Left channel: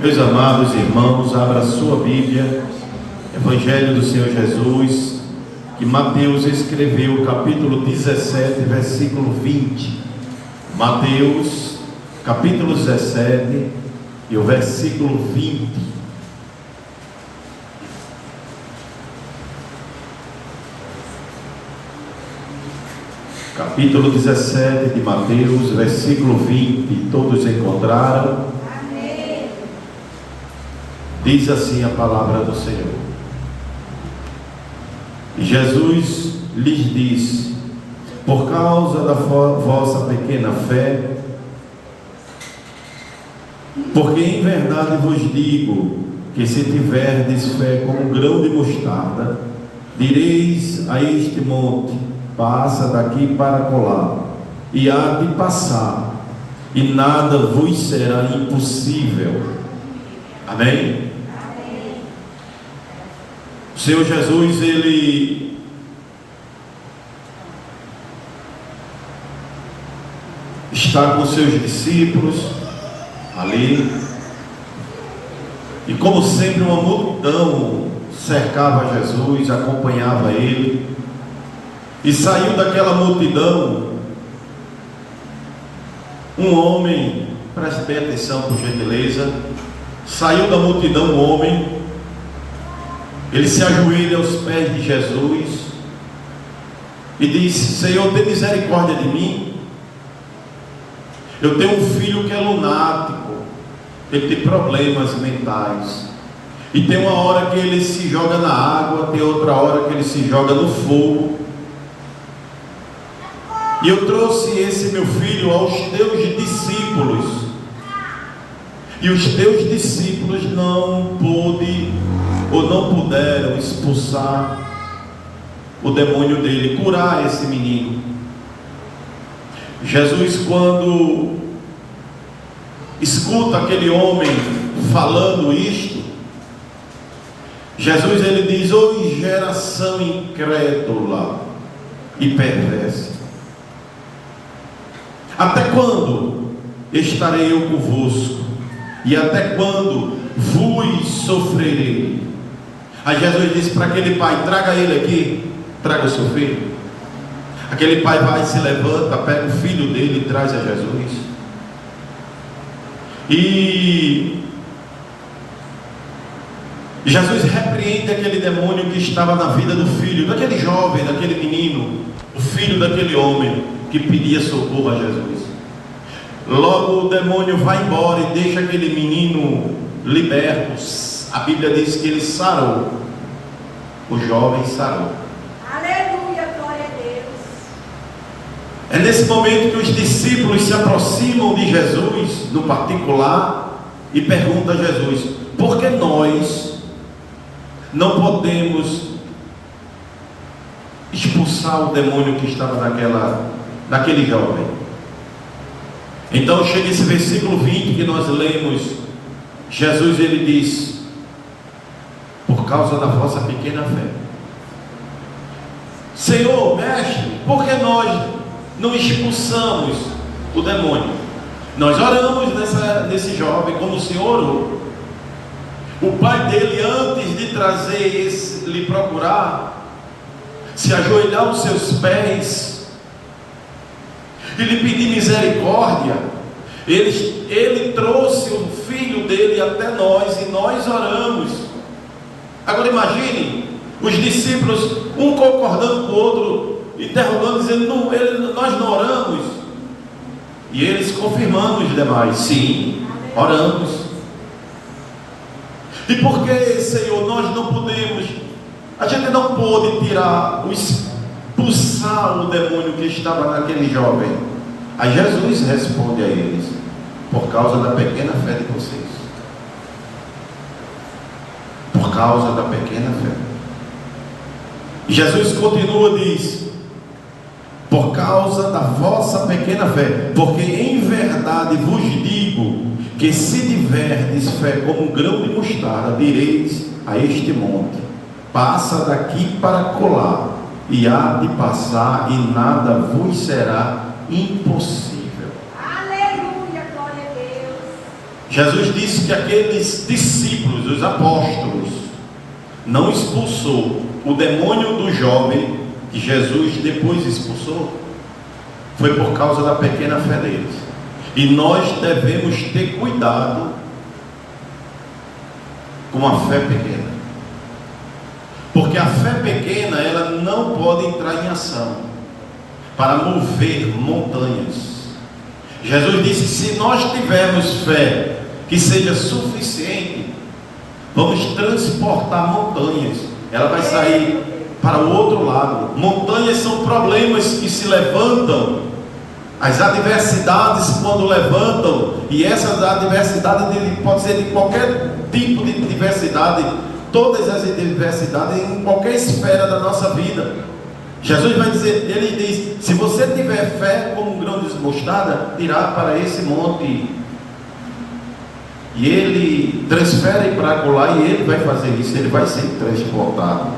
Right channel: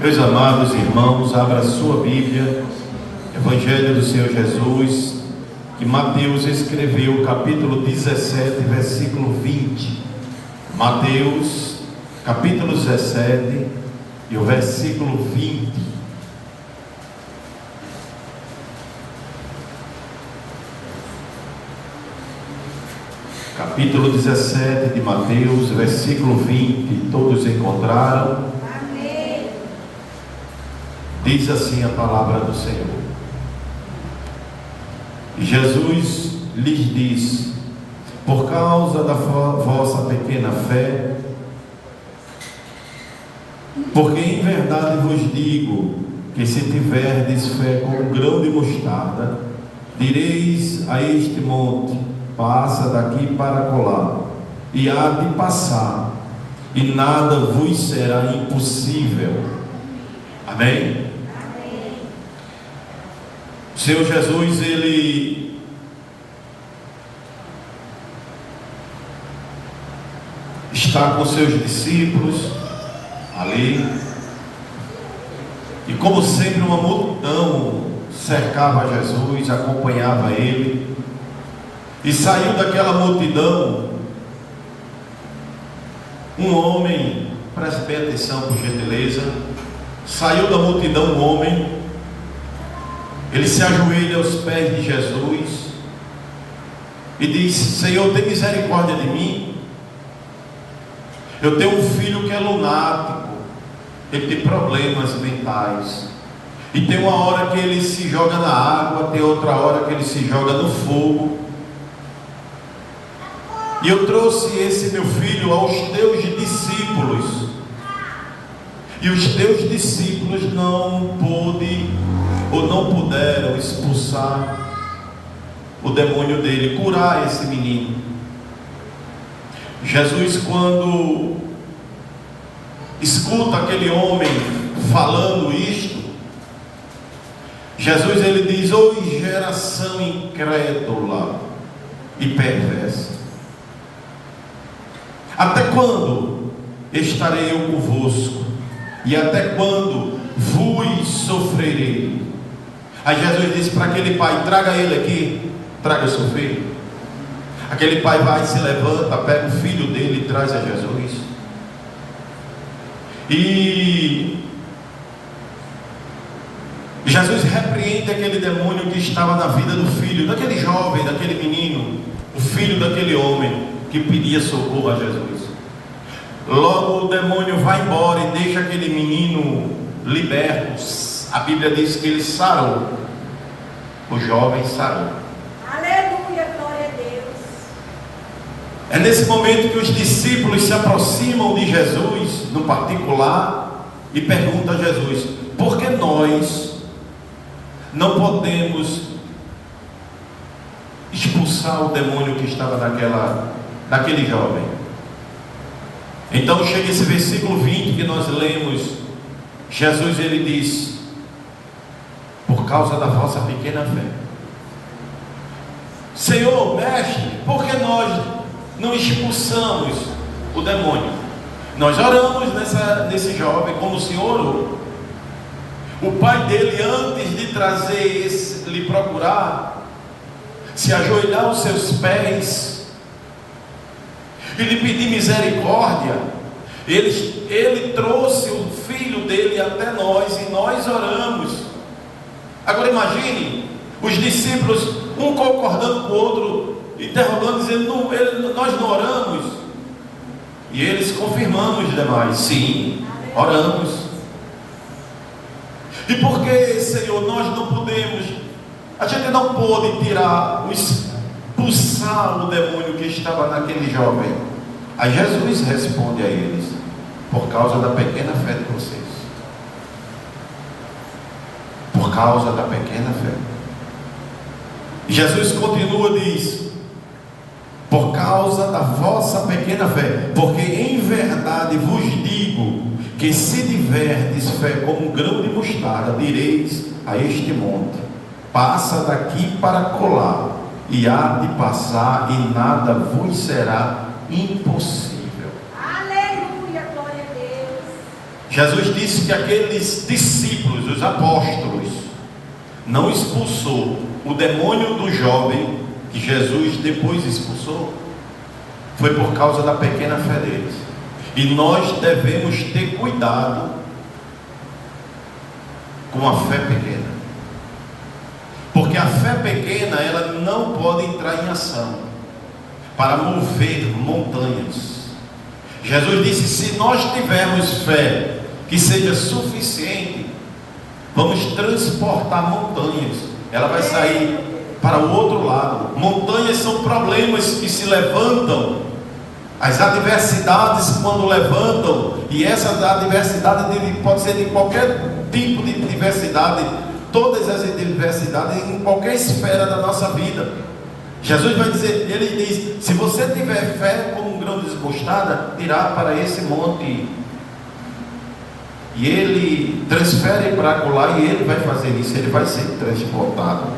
Meus amados irmãos, abra sua Bíblia, Evangelho do Senhor Jesus, que Mateus escreveu, capítulo 17, versículo 20. Mateus, capítulo 17, e o versículo 20. Capítulo 17 de Mateus, versículo 20. Todos encontraram? Diz assim a palavra do Senhor. E Jesus lhes disse: por causa da vossa pequena fé, porque em verdade vos digo que se tiverdes fé como um grão de mostarda, direis a este monte: passa daqui para colar, e há de passar, e nada vos será impossível. Amém? O Senhor Jesus, Ele está com seus discípulos ali, e como sempre uma multidão cercava Jesus, acompanhava Ele, e saiu daquela multidão um homem, preste bem atenção por gentileza, saiu da multidão um homem. Ele se ajoelha aos pés de Jesus e disse: Senhor, tem misericórdia de mim. Eu tenho um filho que é lunático, ele tem problemas mentais, e tem uma hora que ele se joga na água, tem outra hora que ele se joga no fogo. E eu trouxe esse meu filho aos teus discípulos, e os teus discípulos não puderam expulsar o demônio dele, curar esse menino. Jesus, quando escuta aquele homem falando isto, Jesus, ele diz: ó geração incrédula e perversa, até quando estarei eu convosco? E até quando vos sofrerei? Aí Jesus disse para aquele pai: traga ele aqui, traga o seu filho. Aquele pai vai, se levanta, pega o filho dele e traz a Jesus. E Jesus repreende aquele demônio que estava na vida do filho, daquele jovem, daquele menino, o filho daquele homem que pedia socorro a Jesus. Logo o demônio vai embora e deixa aquele menino liberto. A Bíblia diz que ele sarou. O jovem sarou. Aleluia, glória a Deus. É nesse momento que os discípulos se aproximam de Jesus, no particular, e perguntam a Jesus: por que nós não podemos expulsar o demônio que estava naquele jovem? Então chega esse versículo 20 que nós lemos. Jesus, ele diz: por causa da vossa pequena fé. Senhor, mestre, por que nós não expulsamos o demônio? Nós oramos nesse jovem como o Senhor orou. O pai dele, antes de trazer lhe procurar, se ajoelhar aos seus pés e lhe pedir misericórdia. Ele trouxe o filho dele até nós e nós oramos. Agora imagine os discípulos, um concordando com o outro, interrogando, dizendo: nós não oramos. E eles confirmando os demais: sim, oramos. E por que, Senhor, nós não podemos? A gente não pôde expulsar o demônio que estava naquele jovem. Aí Jesus responde a eles: por causa da pequena fé de vocês. Por causa da pequena fé. E Jesus continua, diz: por causa da vossa pequena fé, porque em verdade vos digo que se tiverdes fé como um grão de mostarda, direis a este monte: passa daqui para colar, e há de passar, e nada vos será impossível. Aleluia, glória a Deus. Jesus disse que aqueles discípulos, os apóstolos, não expulsou o demônio do jovem que Jesus depois expulsou. Foi por causa da pequena fé deles. E nós devemos ter cuidado com a fé pequena, porque a fé pequena, ela não pode entrar em ação para mover montanhas. Jesus disse: se nós tivermos fé que seja suficiente, vamos transportar montanhas. Ela vai sair para o outro lado. Montanhas são problemas que se levantam, as adversidades quando levantam, e essas adversidades pode ser de qualquer tipo de diversidade, todas as diversidades em qualquer esfera da nossa vida. Jesus vai dizer, ele diz: se você tiver fé como um grão de mostarda, irá para esse monte, e ele transfere para lá, e ele vai fazer isso, ele vai ser transportado.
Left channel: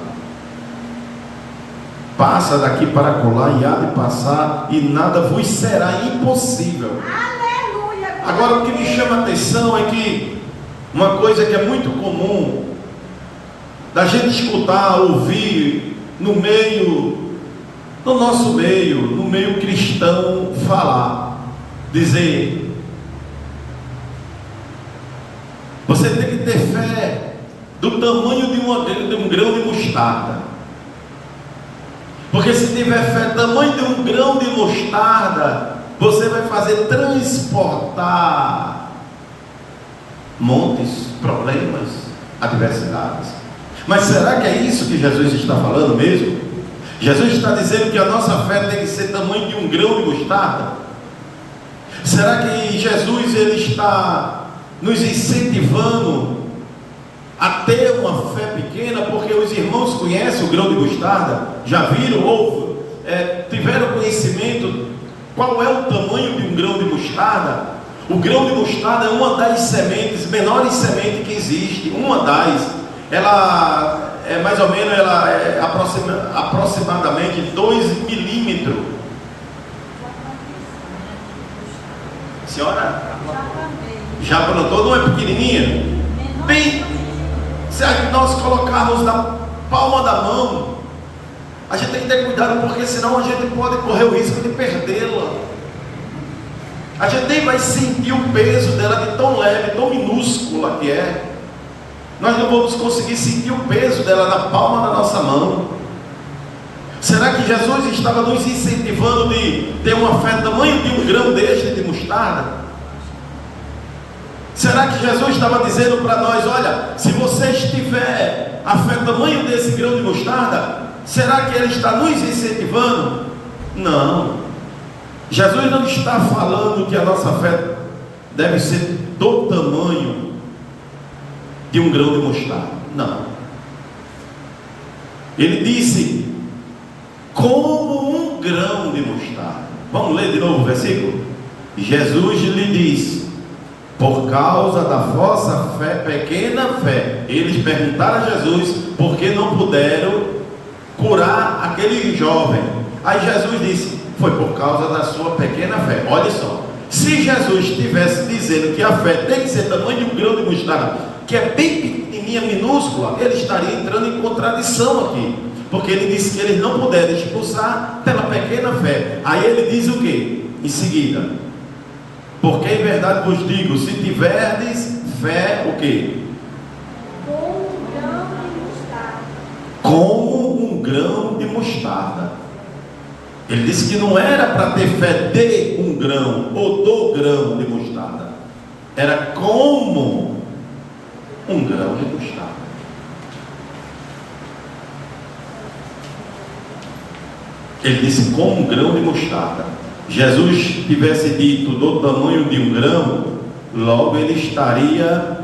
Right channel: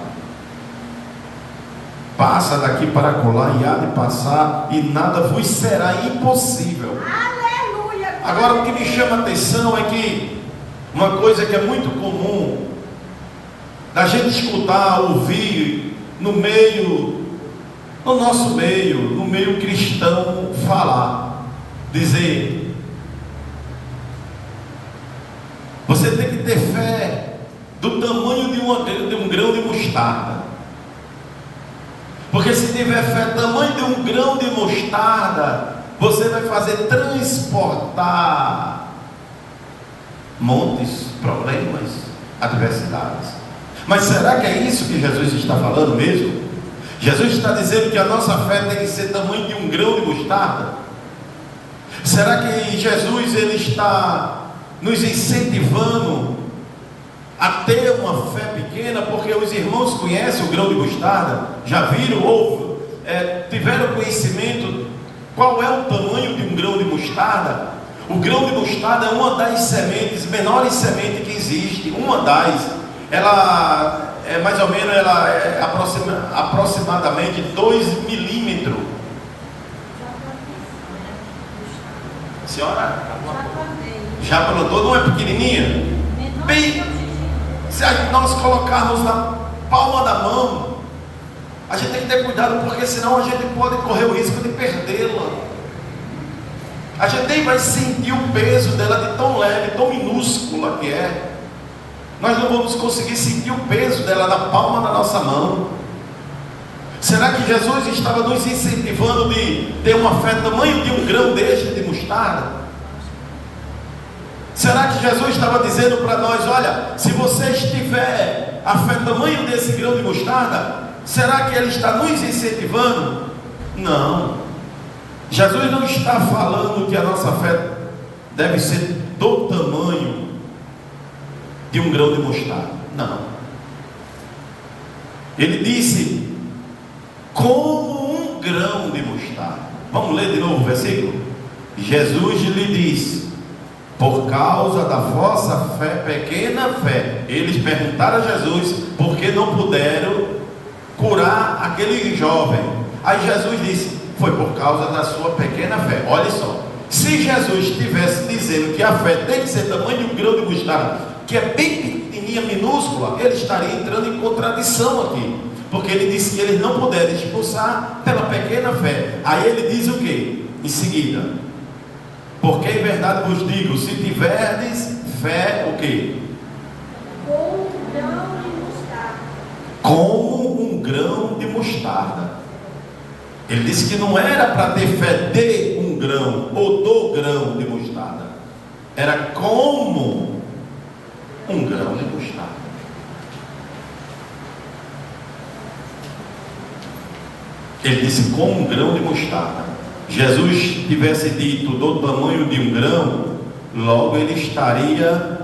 Passa daqui para colar e há de passar, e nada vos será impossível. Aleluia. Agora, o que me chama a atenção é que uma coisa que é muito comum da gente escutar, ouvir no nosso meio, no meio cristão, falar, dizer: você tem que ter fé do tamanho de um grão de mostarda. Porque se tiver fé do tamanho de um grão de mostarda, você vai fazer transportar montes, problemas, adversidades. Mas será que é isso que Jesus está falando mesmo? Jesus está dizendo que a nossa fé tem que ser do tamanho de um grão de mostarda? Será que Jesus ele está nos incentivando a ter uma fé pequena? Porque os irmãos conhecem o grão de mostarda, já viram ou tiveram conhecimento qual é o tamanho de um grão de mostarda? O grão de mostarda é uma das sementes, menores sementes que existe, uma das, ela é mais ou menos, ela é aproximadamente 2 milímetros. Senhora? Já plantou? Não é pequenininha? Bem, se nós colocarmos na palma da mão, a gente tem que ter cuidado, porque senão a gente pode correr o risco de perdê-la. A gente nem vai sentir o peso dela de tão leve, tão minúscula que é. Nós não vamos conseguir sentir o peso dela na palma da nossa mão. Será que Jesus estava nos incentivando de ter uma fé do tamanho de um grão deste de mostarda? Será que Jesus estava dizendo para nós: olha, se você tiver a fé do tamanho desse grão de mostarda, será que Ele está nos incentivando? Não. Jesus não está falando que a nossa fé deve ser do tamanho de um grão de mostarda. Não. Ele disse: como um grão de mostarda. Vamos ler de novo o versículo? Jesus lhe disse: por causa da vossa fé, pequena fé. Eles perguntaram a Jesus por que não puderam curar aquele jovem. Aí Jesus disse: foi por causa da sua pequena fé. Olha só, se Jesus estivesse dizendo que a fé tem que ser do tamanho de um grão de mostarda, que é bem pequenininha, minúscula, ele estaria entrando em contradição aqui, porque ele disse que eles não puderam expulsar pela pequena fé. Aí ele diz o que? Em seguida: porque em verdade vos digo, se tiverdes fé, o que? Como um grão de mostarda. Como um grão de mostarda. Ele disse que não era para ter fé de um grão ou do grão de mostarda, era como um grão de mostarda. Ele disse como um grão de mostarda. Jesus tivesse dito do tamanho de um grão, logo ele estaria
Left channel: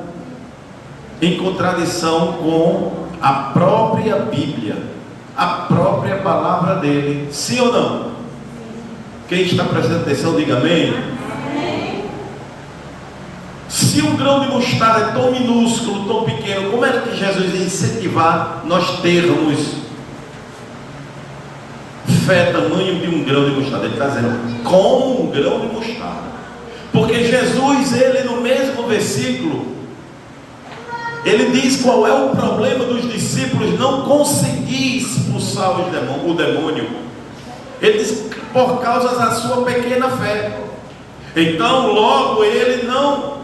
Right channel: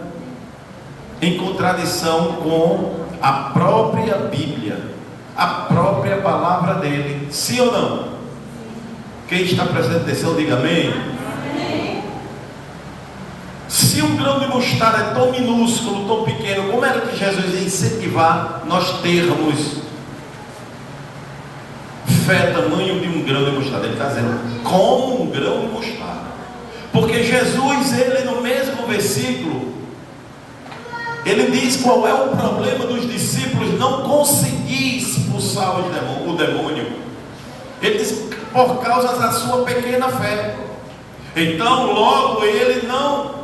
em contradição com a própria Bíblia, a própria palavra dele. Sim ou não? Quem está prestando atenção, diga amém. Amém. Se um grão de mostarda é tão minúsculo, tão pequeno, como era que Jesus ia incentivar nós termos fé tamanho de um grão de mostarda? Ele está dizendo como um grão de mostarda, porque Jesus, ele no mesmo mesmo versículo, ele diz qual é o problema dos discípulos não conseguir expulsar o demônio. Ele diz por causa da sua pequena fé. Então logo ele não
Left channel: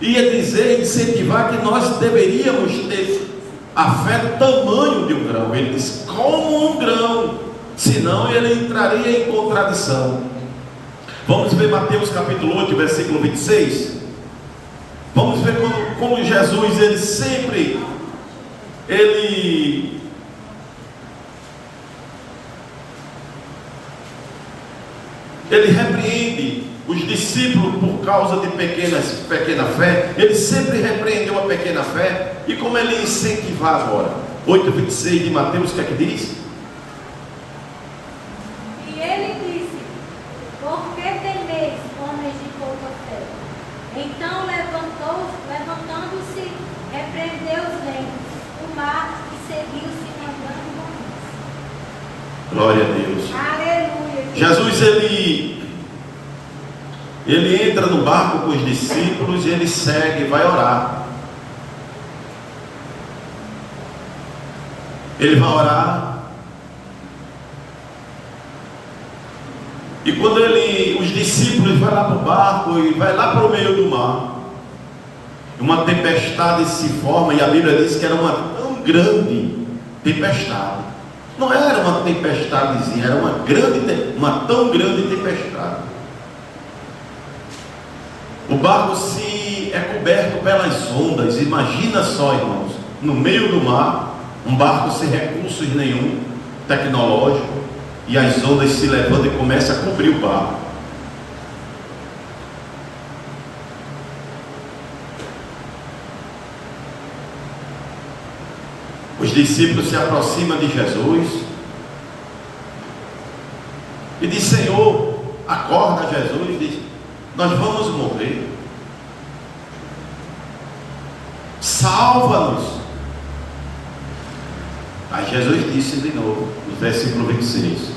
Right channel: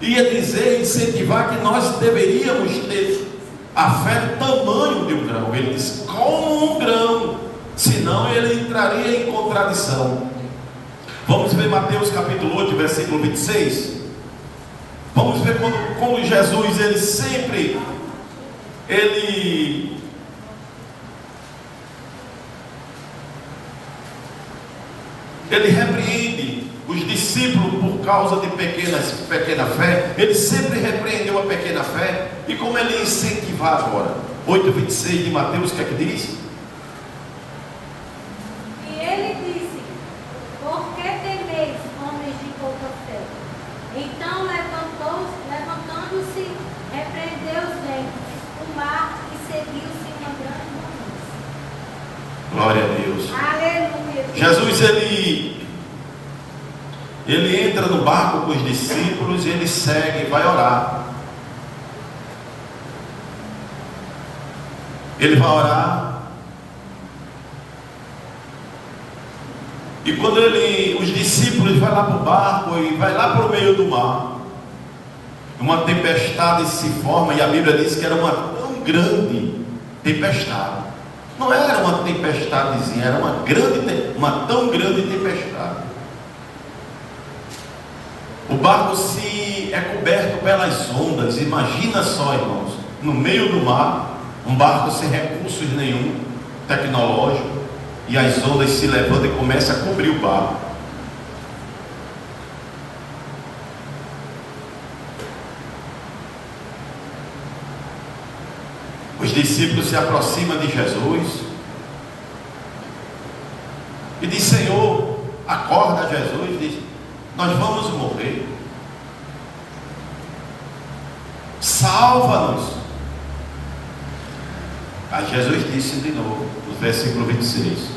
ia dizer, incentivar que nós deveríamos ter a fé do tamanho de um grão. Ele diz como um grão, senão ele entraria em contradição. Vamos ver Mateus capítulo 8, versículo 26. Vamos ver como Jesus, ele sempre, ele repreende os discípulos por causa de pequena fé. Ele sempre repreendeu a pequena fé. E como ele incentivava agora? 8,26 de Mateus, o que é que diz? E ele disse: por que temeis, homens de pouca fé? Então levantando-se, repreendeu os ventos, o mar, e seguiu-se uma grande bonança. Glória a Deus. Aleluia. Jesus, ele entra no barco com os discípulos e ele segue, vai orar. Ele vai orar. E quando os discípulos vão lá para o barco e vai lá para o meio do mar, uma tempestade se forma, e a Bíblia diz que era uma tão grande tempestade. Não era uma tempestadezinha, era uma tão grande tempestade. O barco é coberto pelas ondas. Imagina só, irmãos, no meio do mar, um barco sem recursos nenhum tecnológico, e as ondas se levantam e começam a cobrir o barco. Os discípulos se aproximam de Jesus e diz: Senhor, acorda. Jesus diz: nós vamos morrer, salva-nos. Aí Jesus disse de novo, no versículo 26:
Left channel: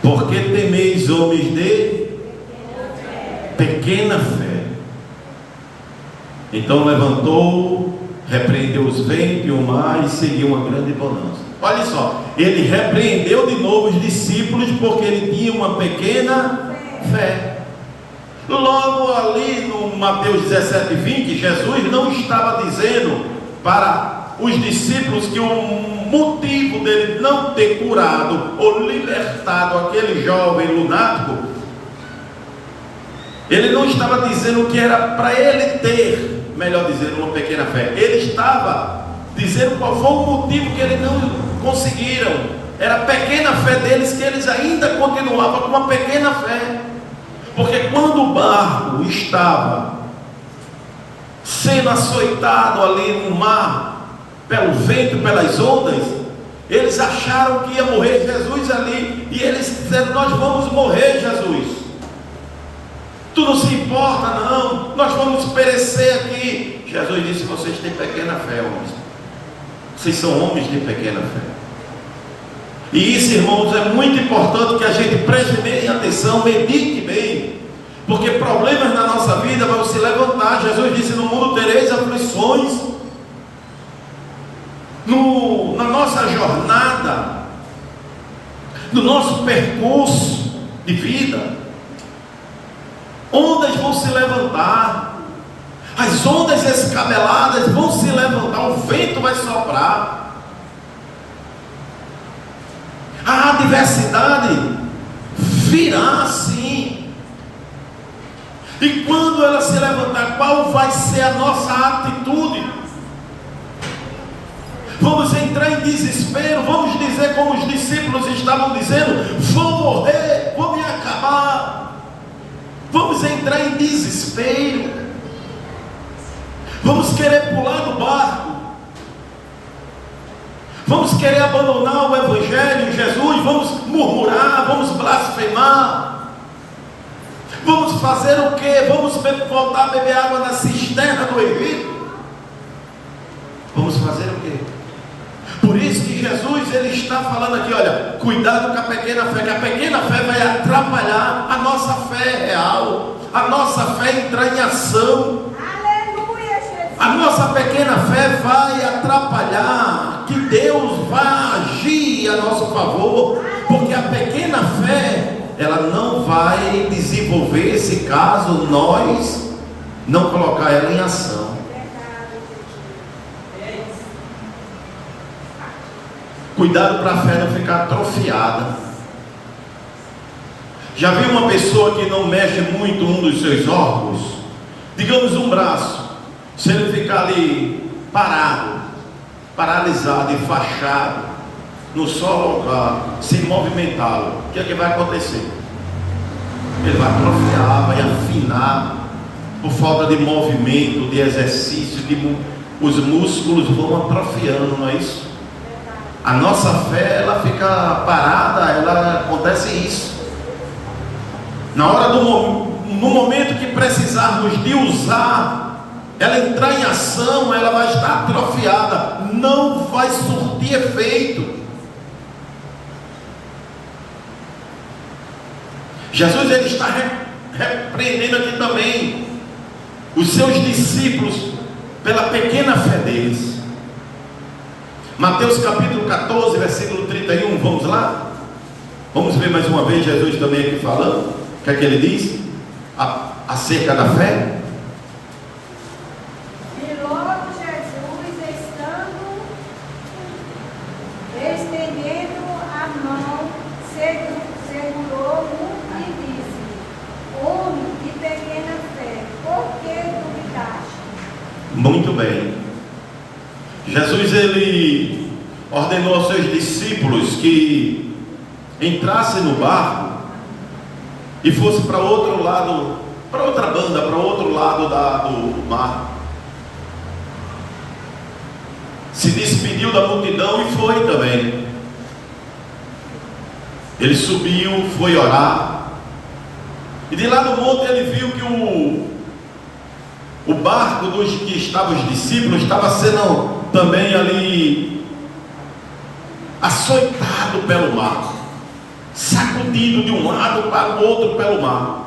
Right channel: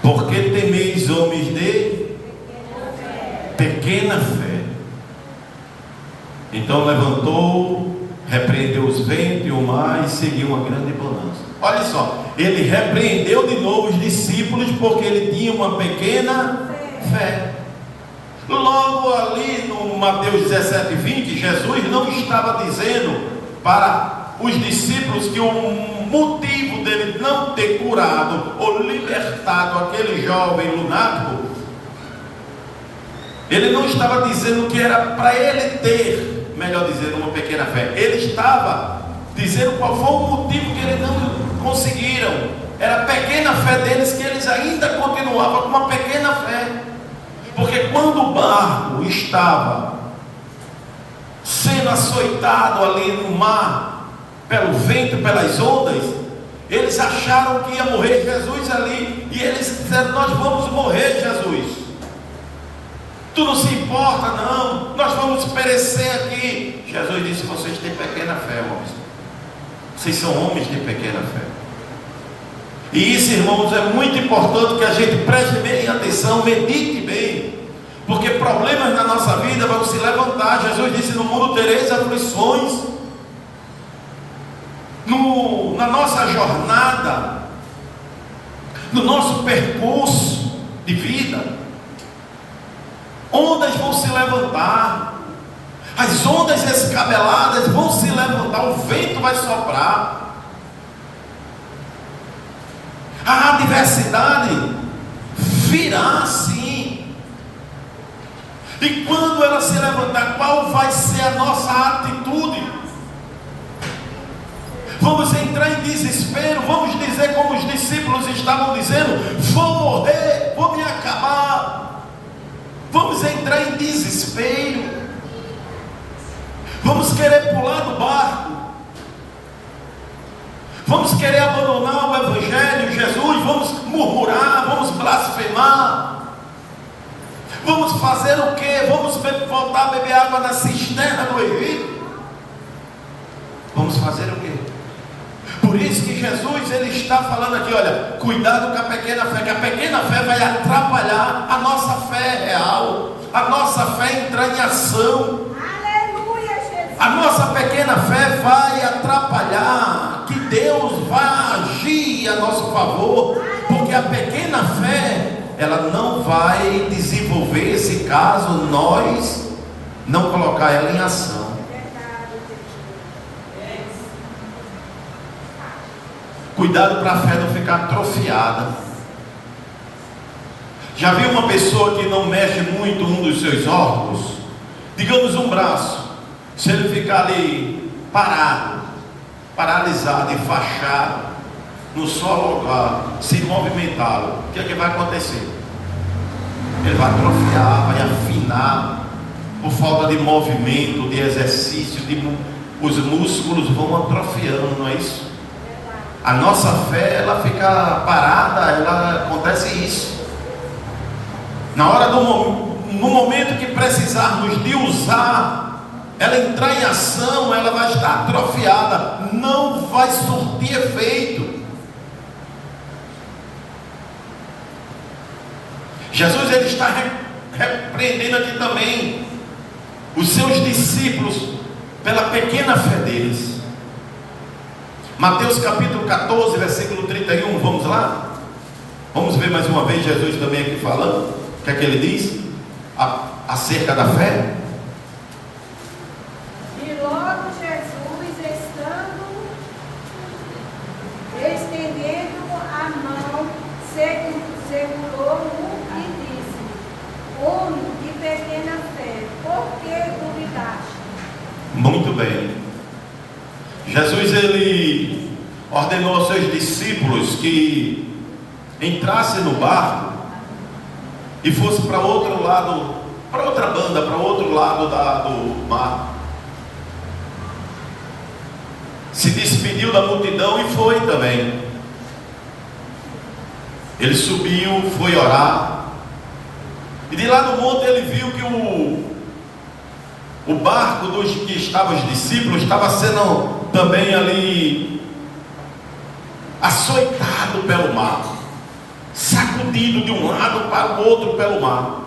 porque temeis, homens de pequena fé? Então levantou, repreendeu os ventos e o mar, e seguiu uma grande bonança. Olha só, ele repreendeu de novo os discípulos porque ele tinha uma pequena fé. Logo ali no Mateus 17, 20, Jesus não estava dizendo para os discípulos que o motivo dele não ter curado ou libertado aquele jovem lunático, ele não estava dizendo que era para ele ter, melhor dizendo, uma pequena fé. Ele estava dizendo qual foi o motivo que eles não conseguiram. Era a pequena fé deles, que eles ainda continuavam com uma pequena fé. Porque quando o barco estava sendo açoitado ali no mar, pelo vento, pelas ondas, eles acharam que ia morrer Jesus ali, e eles disseram: nós vamos morrer, Jesus, tu não se importa não, nós vamos perecer aqui. Jesus disse: vocês têm pequena fé, irmãos, vocês são homens de pequena fé. E isso, irmãos, é muito importante que a gente preste bem atenção, medite bem, porque problemas na nossa vida vão se levantar. Jesus disse: no mundo tereis aflições. Na nossa jornada, no nosso percurso de vida, ondas vão se levantar, as ondas escabeladas vão se levantar, o vento vai soprar, a adversidade virá sim. E quando ela se levantar, qual vai ser a nossa atitude? Vamos entrar em desespero? Vamos dizer como os discípulos estavam dizendo: vou morrer, vou me acabar? Vamos entrar em desespero? Vamos querer pular do barco? Vamos querer abandonar o Evangelho, Jesus? Vamos murmurar? Vamos blasfemar? Vamos fazer o quê? Vamos voltar a beber água na cisterna do Egito? Vamos fazer o quê? Por isso que Jesus, ele está falando aqui: olha, cuidado com a pequena fé, que a pequena fé vai atrapalhar a nossa fé real, a entrar em ação. Aleluia, Jesus. A nossa pequena fé vai atrapalhar que Deus vai agir a nosso favor, porque a pequena fé, ela não vai desenvolver se caso nós não colocar ela em ação. Cuidado para a fé não ficar atrofiada. Já viu uma pessoa que não mexe muito um dos seus órgãos? Digamos um braço. Se ele ficar ali parado, paralisado, enfaixado, no só local, sem movimentá-lo, o que é que vai acontecer? Ele vai atrofiar, vai afinar, por falta de movimento, de exercício, os músculos vão atrofiando, não é isso? A nossa fé, ela fica parada, ela acontece isso. Na hora no momento que precisarmos de usar, ela entrar em ação, ela vai estar atrofiada, não vai surtir efeito. Jesus, ele está repreendendo aqui também os seus discípulos pela pequena fé deles. Mateus capítulo 14, versículo 31, vamos lá? Vamos ver mais uma vez Jesus também aqui falando, o que é que ele diz acerca da fé? E logo Jesus, estendendo a mão, segurou-o e disse: Homem de pequena fé, por que duvidaste? Muito bem. Jesus, ele ordenou aos seus discípulos que entrassem no barco e fosse para outro lado, para outra banda, para outro lado do mar. Se despediu da multidão e foi também. Ele subiu, foi orar, e de lá do monte ele viu que o barco dos que estavam os discípulos estava sendo também ali açoitado pelo mar, sacudido de um lado para o outro pelo mar.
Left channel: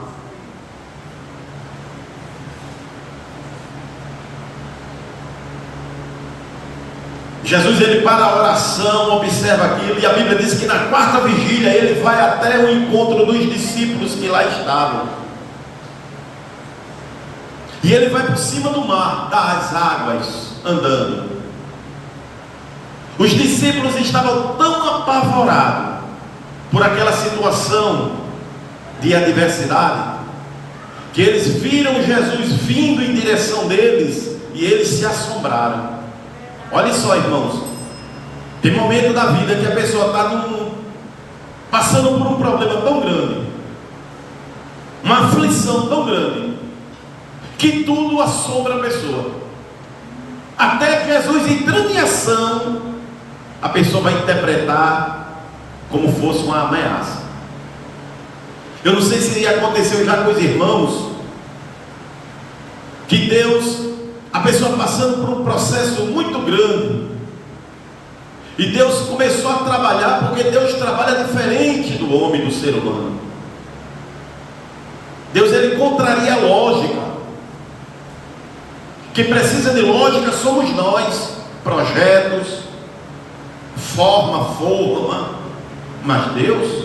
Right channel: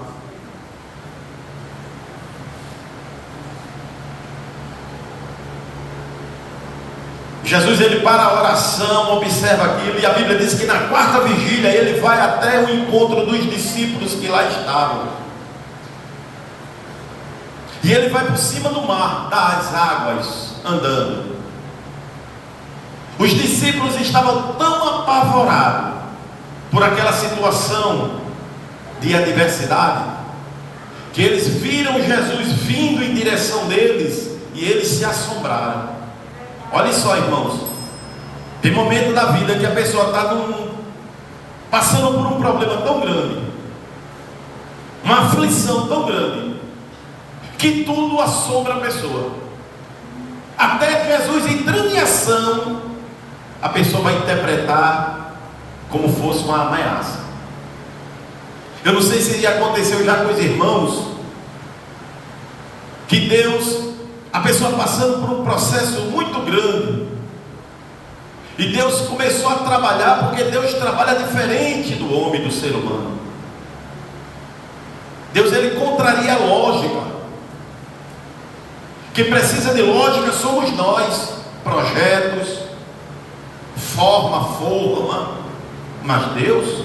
Jesus, ele para a oração, observa aquilo, e a Bíblia diz que na quarta vigília ele vai até o encontro dos discípulos que lá estavam. E ele vai por cima do mar, das águas, andando. Os discípulos estavam tão apavorados por aquela situação de adversidade, que eles viram Jesus vindo em direção deles, e eles se assombraram. Olha só, irmãos, tem momento da vida que a pessoa está passando por um problema tão grande, uma aflição tão grande, que tudo assombra a pessoa. Até Jesus entrando em ação, a pessoa vai interpretar como fosse uma ameaça. Eu não sei se aconteceu já com os irmãos, que Deus, a pessoa passando por um processo muito grande, e Deus começou a trabalhar, porque Deus trabalha diferente do homem, do ser humano. Deus, ele contraria a lógica. Quem precisa de lógica somos nós. Projetos, forma, mas Deus,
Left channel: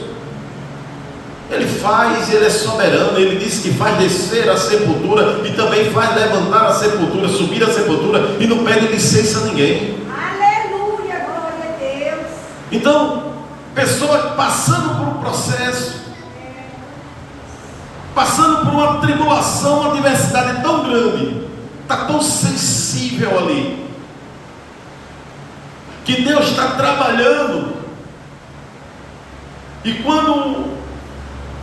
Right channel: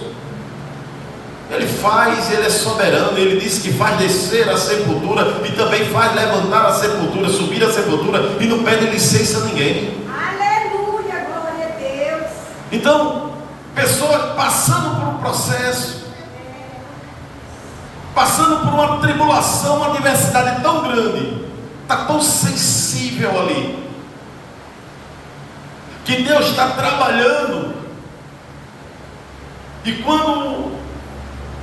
ele faz, ele é soberano. Ele disse que faz descer a sepultura e também faz levantar a sepultura, subir a sepultura, e não pede licença a ninguém. Aleluia, glória a Deus. Então, pessoa passando por um processo, passando por uma tribulação, uma adversidade tão grande, está tão sensível ali, que Deus está trabalhando, e quando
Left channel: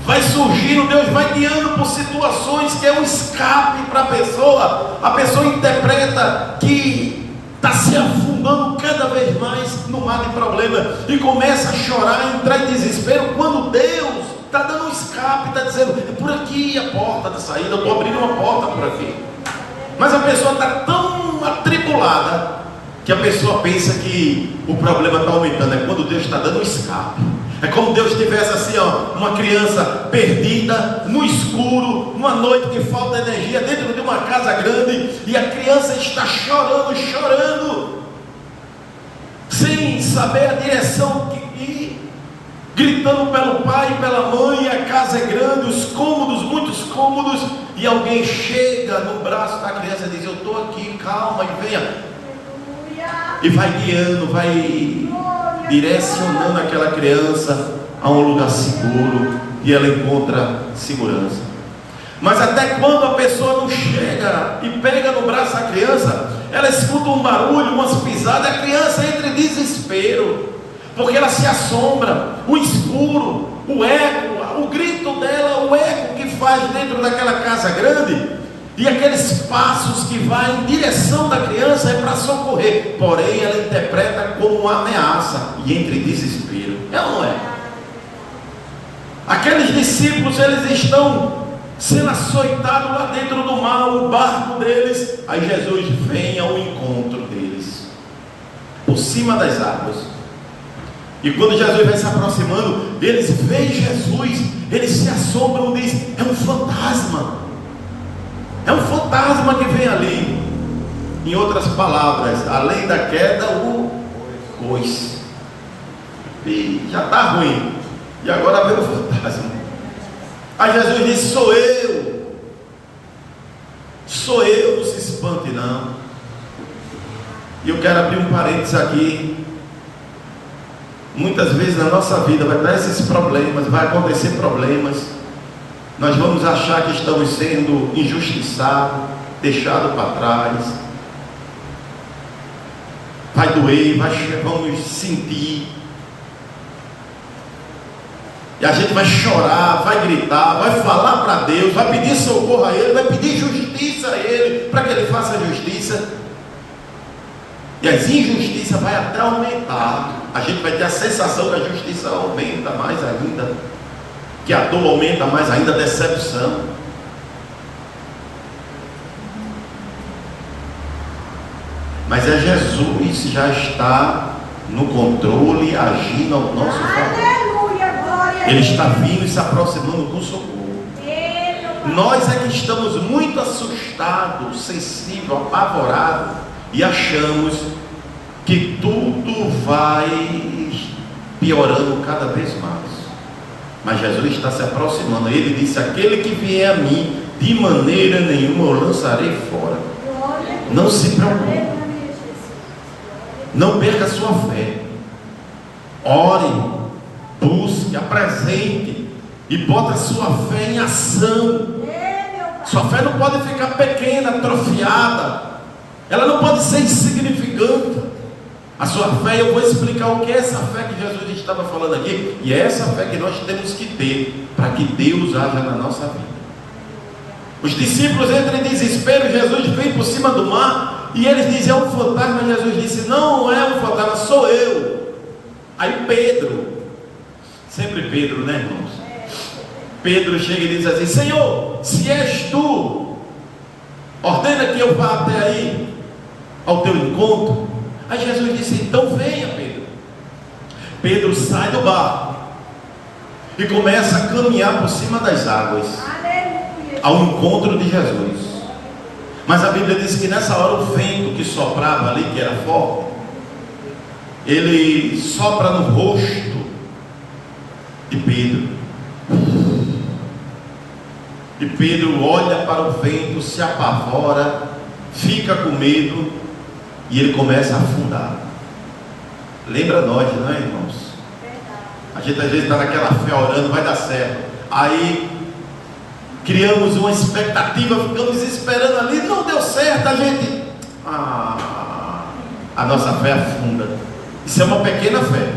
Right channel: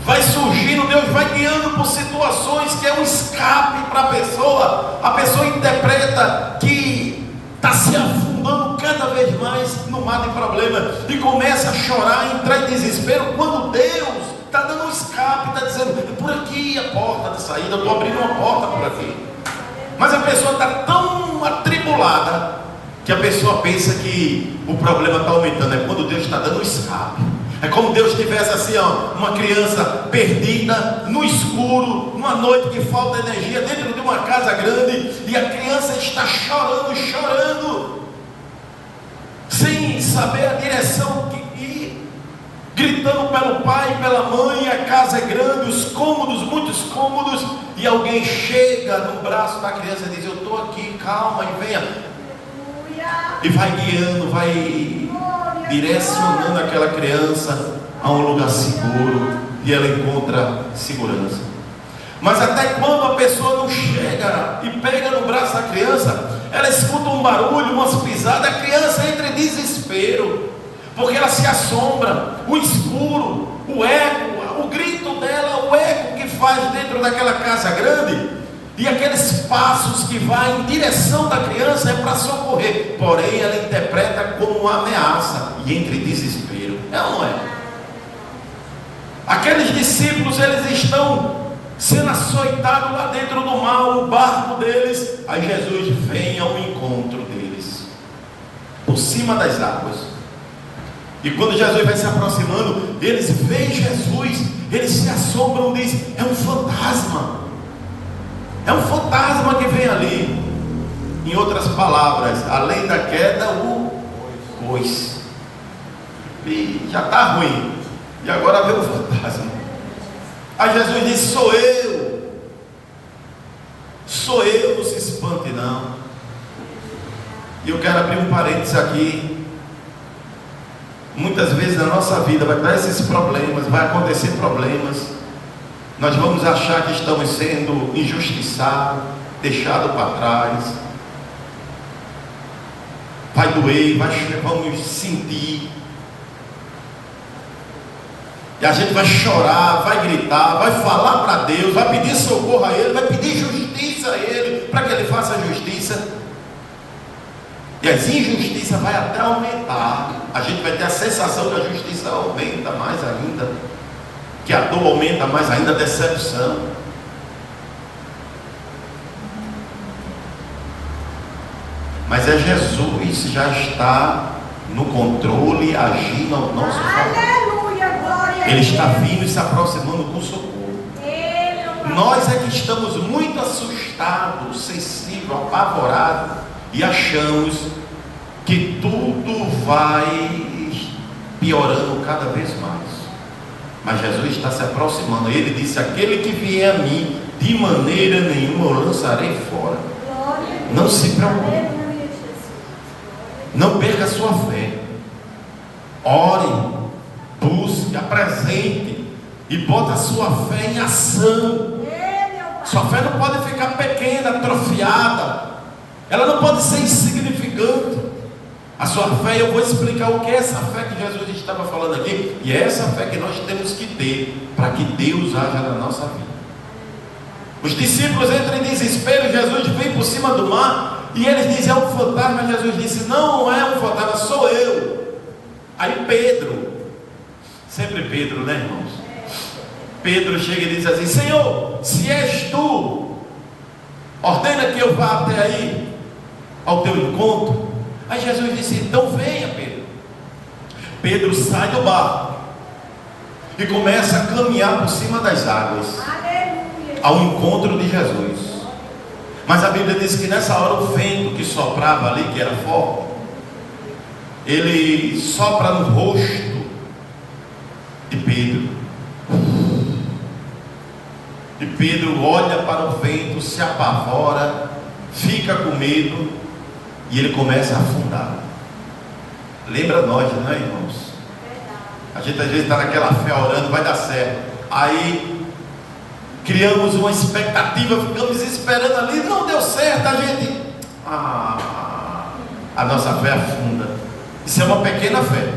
vai surgindo, Deus vai guiando por situações que é um escape para a pessoa interpreta que está se afundando cada vez mais no mar de problema, e começa a chorar, entrar em desespero, quando Deus está dando um escape, está dizendo: é por aqui a porta de saída, eu estou abrindo uma porta por aqui. Mas a pessoa está tão atribulada que a pessoa pensa que o problema está aumentando. É quando Deus está dando um escape, É como Deus tivesse assim, ó, uma criança perdida no escuro, numa noite que falta energia, dentro de uma casa grande, e a criança está chorando, sem saber a direção que ir, gritando pelo pai e pela mãe. A casa é grande, os cômodos, muitos cômodos, e alguém chega no braço da criança e diz: eu estou aqui, calma, e venha, e vai guiando, vai direcionando aquela criança a um lugar seguro, e ela encontra segurança. Mas até quando a pessoa não chega e pega no braço da criança, ela escuta um barulho, umas pisadas, a criança entra em desespero, porque ela se assombra, o escuro, o eco, o grito dela, o eco que faz dentro daquela casa grande, e aqueles passos que vai em direção da criança é para socorrer, porém ela interpreta como uma ameaça e entra em desespero. É ou não é? Aqueles discípulos, eles estão sendo açoitados lá dentro do mar, o barco deles. Aí Jesus vem ao encontro deles, por cima das águas. E quando Jesus vai se aproximando, eles veem Jesus, eles se assombram, dizem: é um fantasma. É um fantasma que vem ali. Em outras palavras, além da queda, o coice. E já está ruim. E agora vem o fantasma. Aí Jesus diz: sou eu. Sou eu, não se espante não. E eu quero abrir um parênteses aqui. Muitas vezes na nossa vida vai dar esses problemas, vai acontecer problemas. Nós vamos achar que estamos sendo injustiçados, deixados para trás. Vai doer, vamos sentir. E a gente vai chorar, vai gritar, vai falar para Deus, vai pedir socorro a Ele, vai pedir justiça a Ele, para que Ele faça a justiça. E as injustiças vai até aumentar. A gente vai ter a sensação que a justiça aumenta mais ainda, que a dor aumenta mais ainda, a decepção. Mas é Jesus já está no controle, agindo ao nosso favor. Ele está vindo e se aproximando com socorro. Nós é que estamos muito assustados, sensíveis, apavorados, e achamos que tudo vai piorando cada vez mais. Mas Jesus está se aproximando. Ele disse: aquele que vier a mim, de maneira nenhuma eu lançarei fora. Não se preocupe, não perca a sua fé. Ore, busque, apresente e bota a sua fé em ação. Sua fé não pode ficar pequena, atrofiada. Ela não pode ser insignificante. A sua fé, eu vou explicar o que é essa fé que Jesus estava falando aqui. E é essa fé que nós temos que ter para que Deus haja na nossa vida. Os discípulos entram em desespero. Jesus vem por cima do mar e eles dizem: é um fantasma. Jesus disse: não é um fantasma, sou eu. Aí Pedro, sempre Pedro, né, irmãos? Pedro chega e diz assim: Senhor, se és tu, ordena que eu vá até aí, ao teu encontro. Aí Jesus disse: então venha, Pedro. Pedro sai do barco e começa a caminhar por cima das águas, ao encontro de Jesus. Mas a Bíblia diz que nessa hora o vento que soprava ali, que era forte, ele sopra no rosto de Pedro. E Pedro olha para o vento, se apavora, fica com medo e ele começa a afundar. Lembra nós, não é, irmãos? A gente às vezes está naquela fé orando, vai dar certo. Aí criamos uma expectativa, ficamos esperando ali, não deu certo, a gente a nossa fé afunda. Isso é uma pequena fé.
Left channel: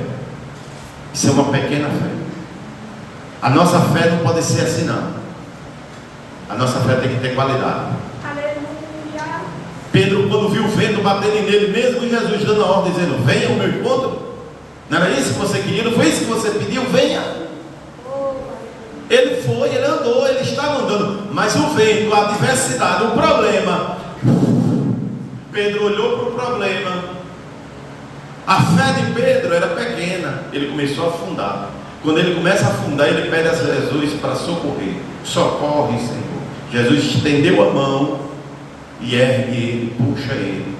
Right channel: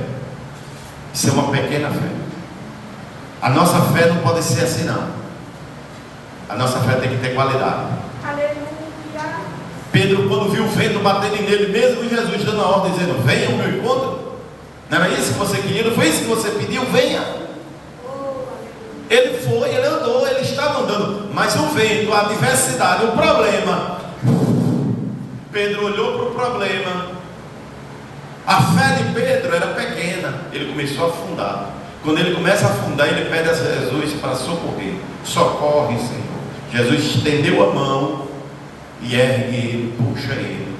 Isso é uma pequena fé. A nossa fé não pode ser assim, não. A nossa fé tem que ter qualidade. Aleluia. Pedro, quando viu o vento batendo nele, mesmo Jesus dando a ordem, dizendo: venha ao meu encontro, não era isso que você queria, não foi isso que você pediu, venha. Ele foi, ele andou, ele estava andando, mas o vento, a adversidade, o problema, Pedro olhou para o problema. A fé de Pedro era pequena, ele começou a afundar. Quando ele começa a afundar, ele pede a Jesus para socorrer. Socorre, Senhor. Jesus estendeu a mão e ergue ele, puxa ele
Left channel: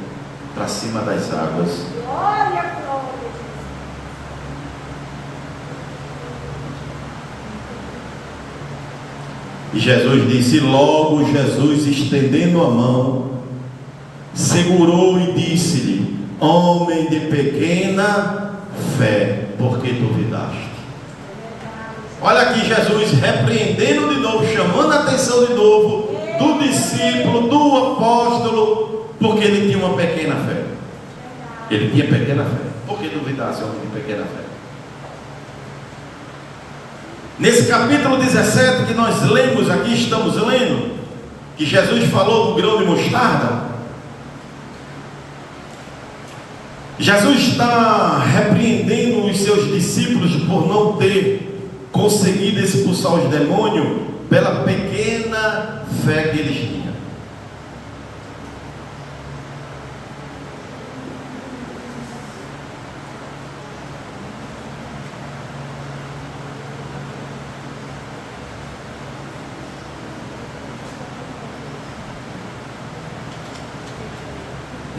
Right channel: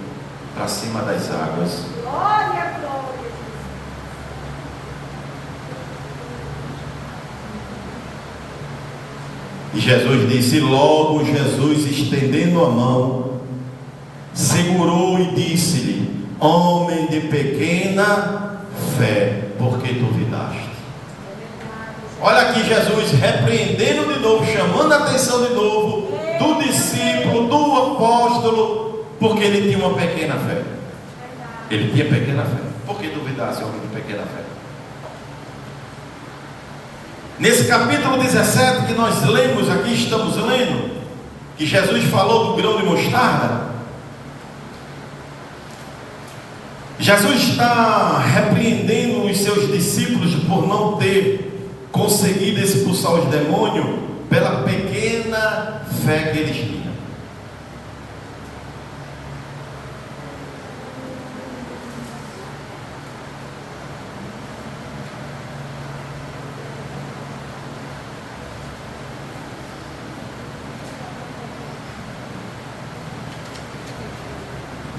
para cima das águas. Glória, glória. E Jesus disse, logo Jesus, estendendo a mão, segurou e disse-lhe, homem de pequena fé, por que duvidaste? Olha aqui Jesus repreendendo de novo, chamando a atenção de novo do discípulo, do apóstolo, porque ele tinha uma pequena fé. Ele tinha pequena fé. Por que duvidasse, homem de pequena fé? Nesse capítulo 17 que nós lemos aqui, estamos lendo, que Jesus falou do grão de mostarda. Jesus está repreendendo os seus discípulos por não ter conseguido expulsar os demônios pela pequena fé que eles tinham.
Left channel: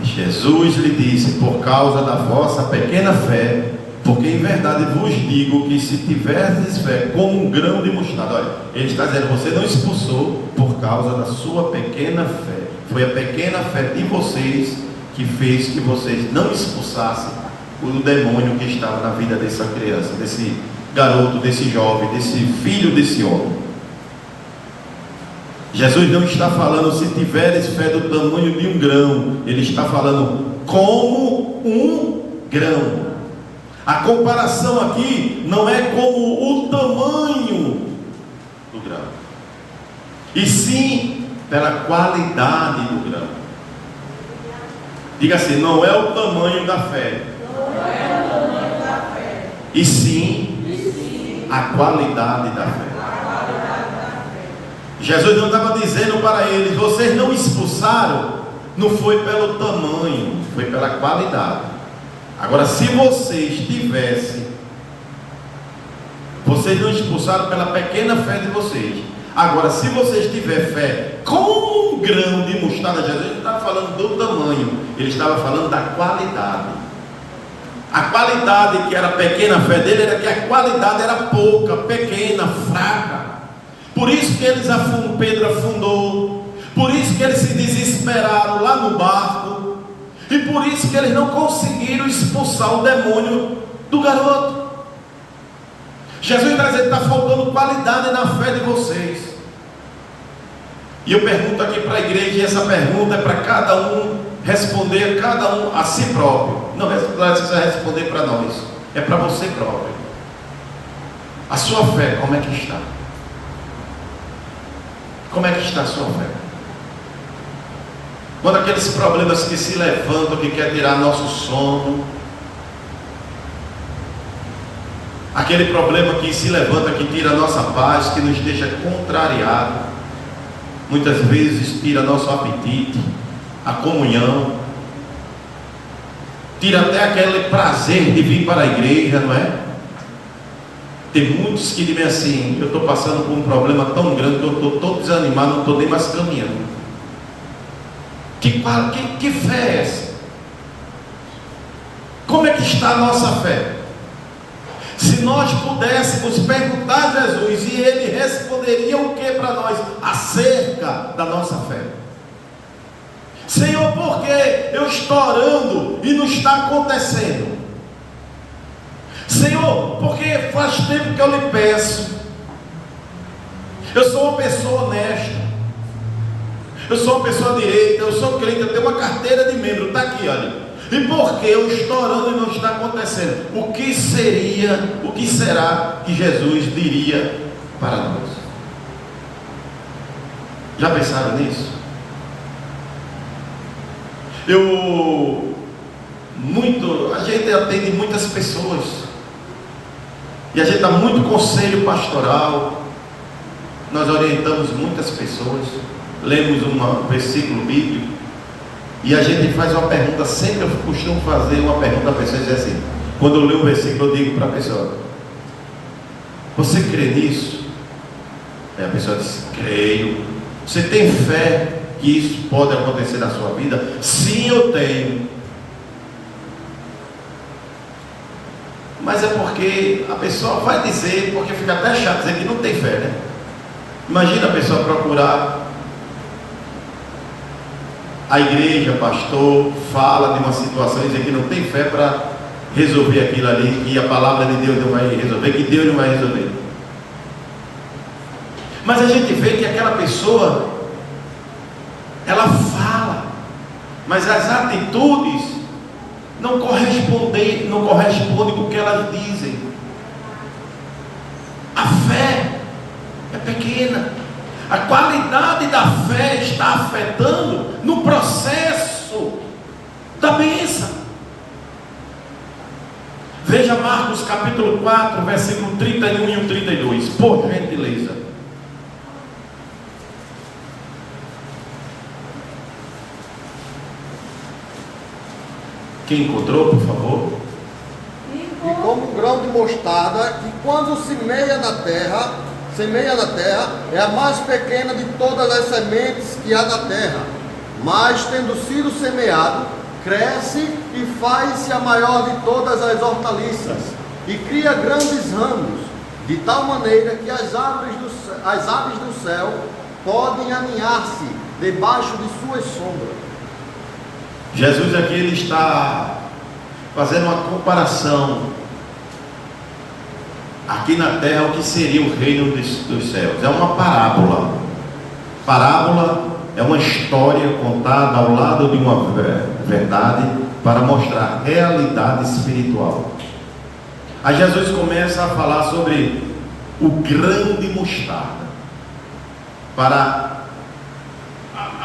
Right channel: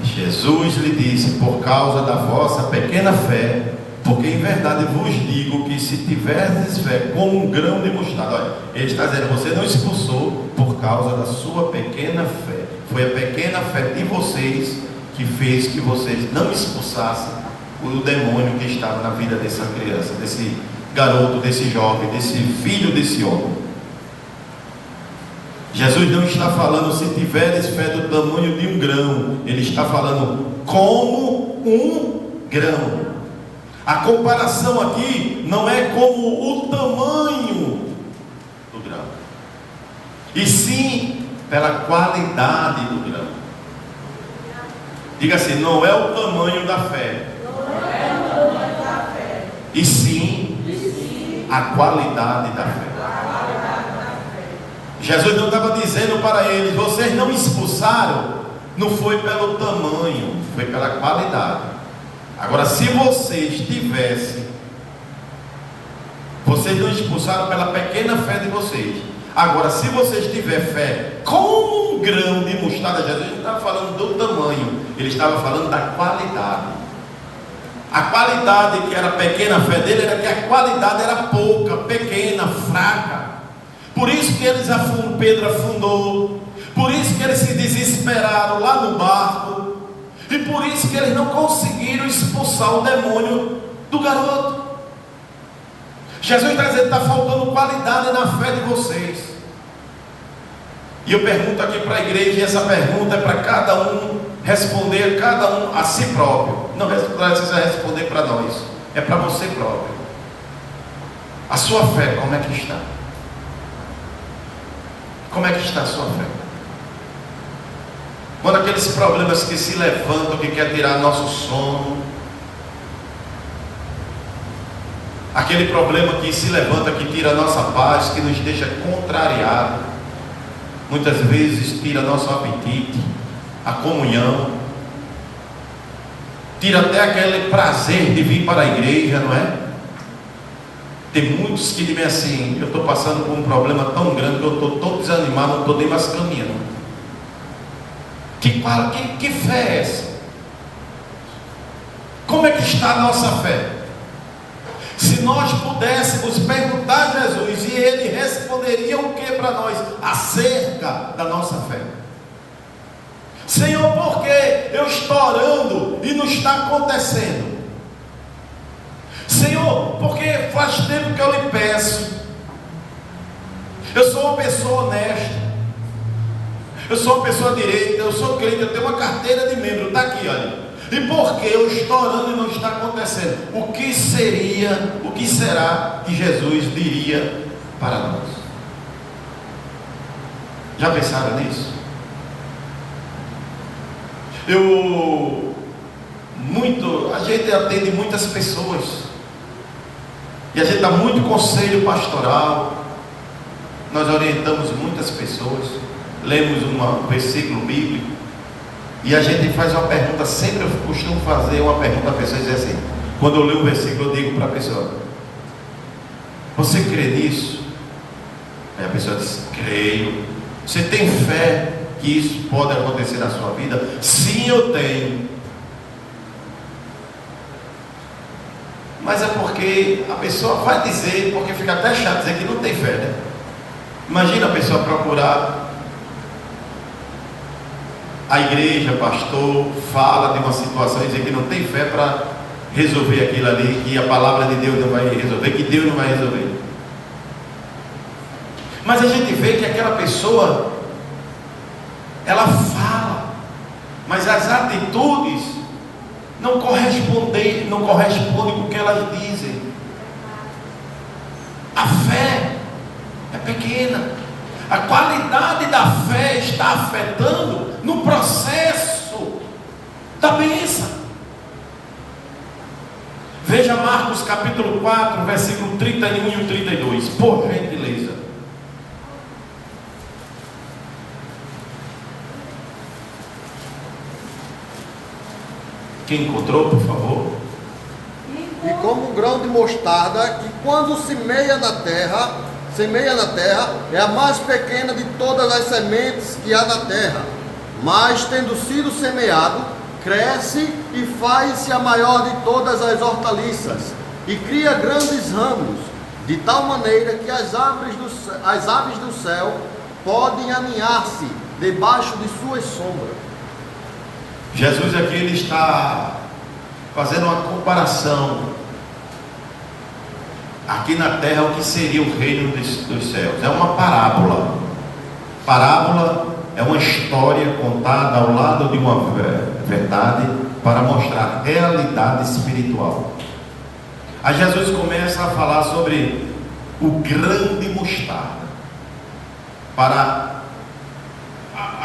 Jesus lhe disse, por causa da vossa pequena fé, porque em verdade vos digo que se tiverdes fé como um grão de mostarda, olha, ele está dizendo, você não expulsou por causa da sua pequena fé, foi a pequena fé de vocês que fez que vocês não expulsassem o demônio que estava na vida dessa criança, desse garoto, desse jovem, desse filho desse homem. Jesus não está falando se tiveres fé do tamanho de um grão, ele está falando como um grão. A comparação aqui não é como o tamanho do grão, e sim pela qualidade do grão. Diga assim, não é o tamanho da fé, e sim a qualidade da fé. Jesus não estava dizendo para eles, vocês não expulsaram, não foi pelo tamanho, foi pela qualidade. Agora, se vocês tivessem, vocês não expulsaram pela pequena fé de vocês. Agora, se vocês tiverem fé como um grão de mostarda, Jesus não estava falando do tamanho, ele estava falando da qualidade. A qualidade que era a pequena fé dele era que a qualidade era pouca, pequena, fraca. Por isso que eles Pedro afundou, por isso que eles se desesperaram lá no barco, e por isso que eles não conseguiram expulsar o demônio do garoto. Jesus está dizendo, está faltando qualidade na fé de vocês. E eu pergunto aqui para a igreja, e essa pergunta é para cada um responder, cada um a si próprio. Não precisa responder para nós, é para você próprio. A sua fé, como é que está? Como é que está a sua fé? Quando aqueles problemas que se levantam, que quer tirar nosso sono, aquele problema que se levanta, que tira a nossa paz, que nos deixa contrariado, muitas vezes tira nosso apetite, a comunhão, tira até aquele prazer de vir para a igreja, não é? Tem muitos que dizem assim, eu estou passando por um problema tão grande que eu estou todo desanimado, não estou nem mais caminhando. Que fé é essa? Como é que está a nossa fé? Se nós pudéssemos perguntar a Jesus, e ele responderia o que para nós acerca da nossa fé? Senhor, por que eu estou orando e não está acontecendo? Senhor, porque faz tempo que eu lhe peço, eu sou uma pessoa honesta, eu sou uma pessoa direita, eu sou crente, eu tenho uma carteira de membro, está aqui, olha. E por que eu estou orando e não está acontecendo? O que será que Jesus diria para nós? Já pensaram nisso? A gente atende muitas pessoas, e a gente dá muito conselho pastoral, nós orientamos muitas pessoas, lemos um versículo bíblico, e a gente faz uma pergunta, sempre eu costumo fazer uma pergunta à pessoa e dizer assim, quando eu leio um versículo eu digo para a pessoa, Você crê nisso? Aí a pessoa diz: creio. Você tem fé que isso pode acontecer na sua vida? Sim, eu tenho. Mas é porque a pessoa vai dizer, porque fica até chato dizer que não tem fé, né? Imagina a pessoa procurar a igreja, pastor, fala de uma situação e dizer que não tem fé para resolver aquilo ali, que a palavra de Deus não vai resolver, que Deus não vai resolver. Mas a gente vê que aquela pessoa, ela fala, mas as atitudes não correspondem com o que elas dizem. A fé é pequena. A qualidade da fé está afetando no processo da bênção. Veja Marcos capítulo 4, versículo 31 e 32, por gentileza. Quem encontrou, por favor? E como um grão de mostarda, que quando semeia na terra, é a mais pequena de todas as sementes que há na terra. Mas, tendo sido semeado, cresce e faz-se a maior de todas as hortaliças, e cria grandes ramos, de tal maneira que as aves do céu podem aninhar-se debaixo de suas sombras. Jesus aqui ele está fazendo uma comparação aqui na terra o que seria o reino dos céus. É uma parábola. Parábola é uma história contada ao lado de uma verdade para mostrar realidade espiritual. Aí Jesus começa a falar sobre o grão de mostarda para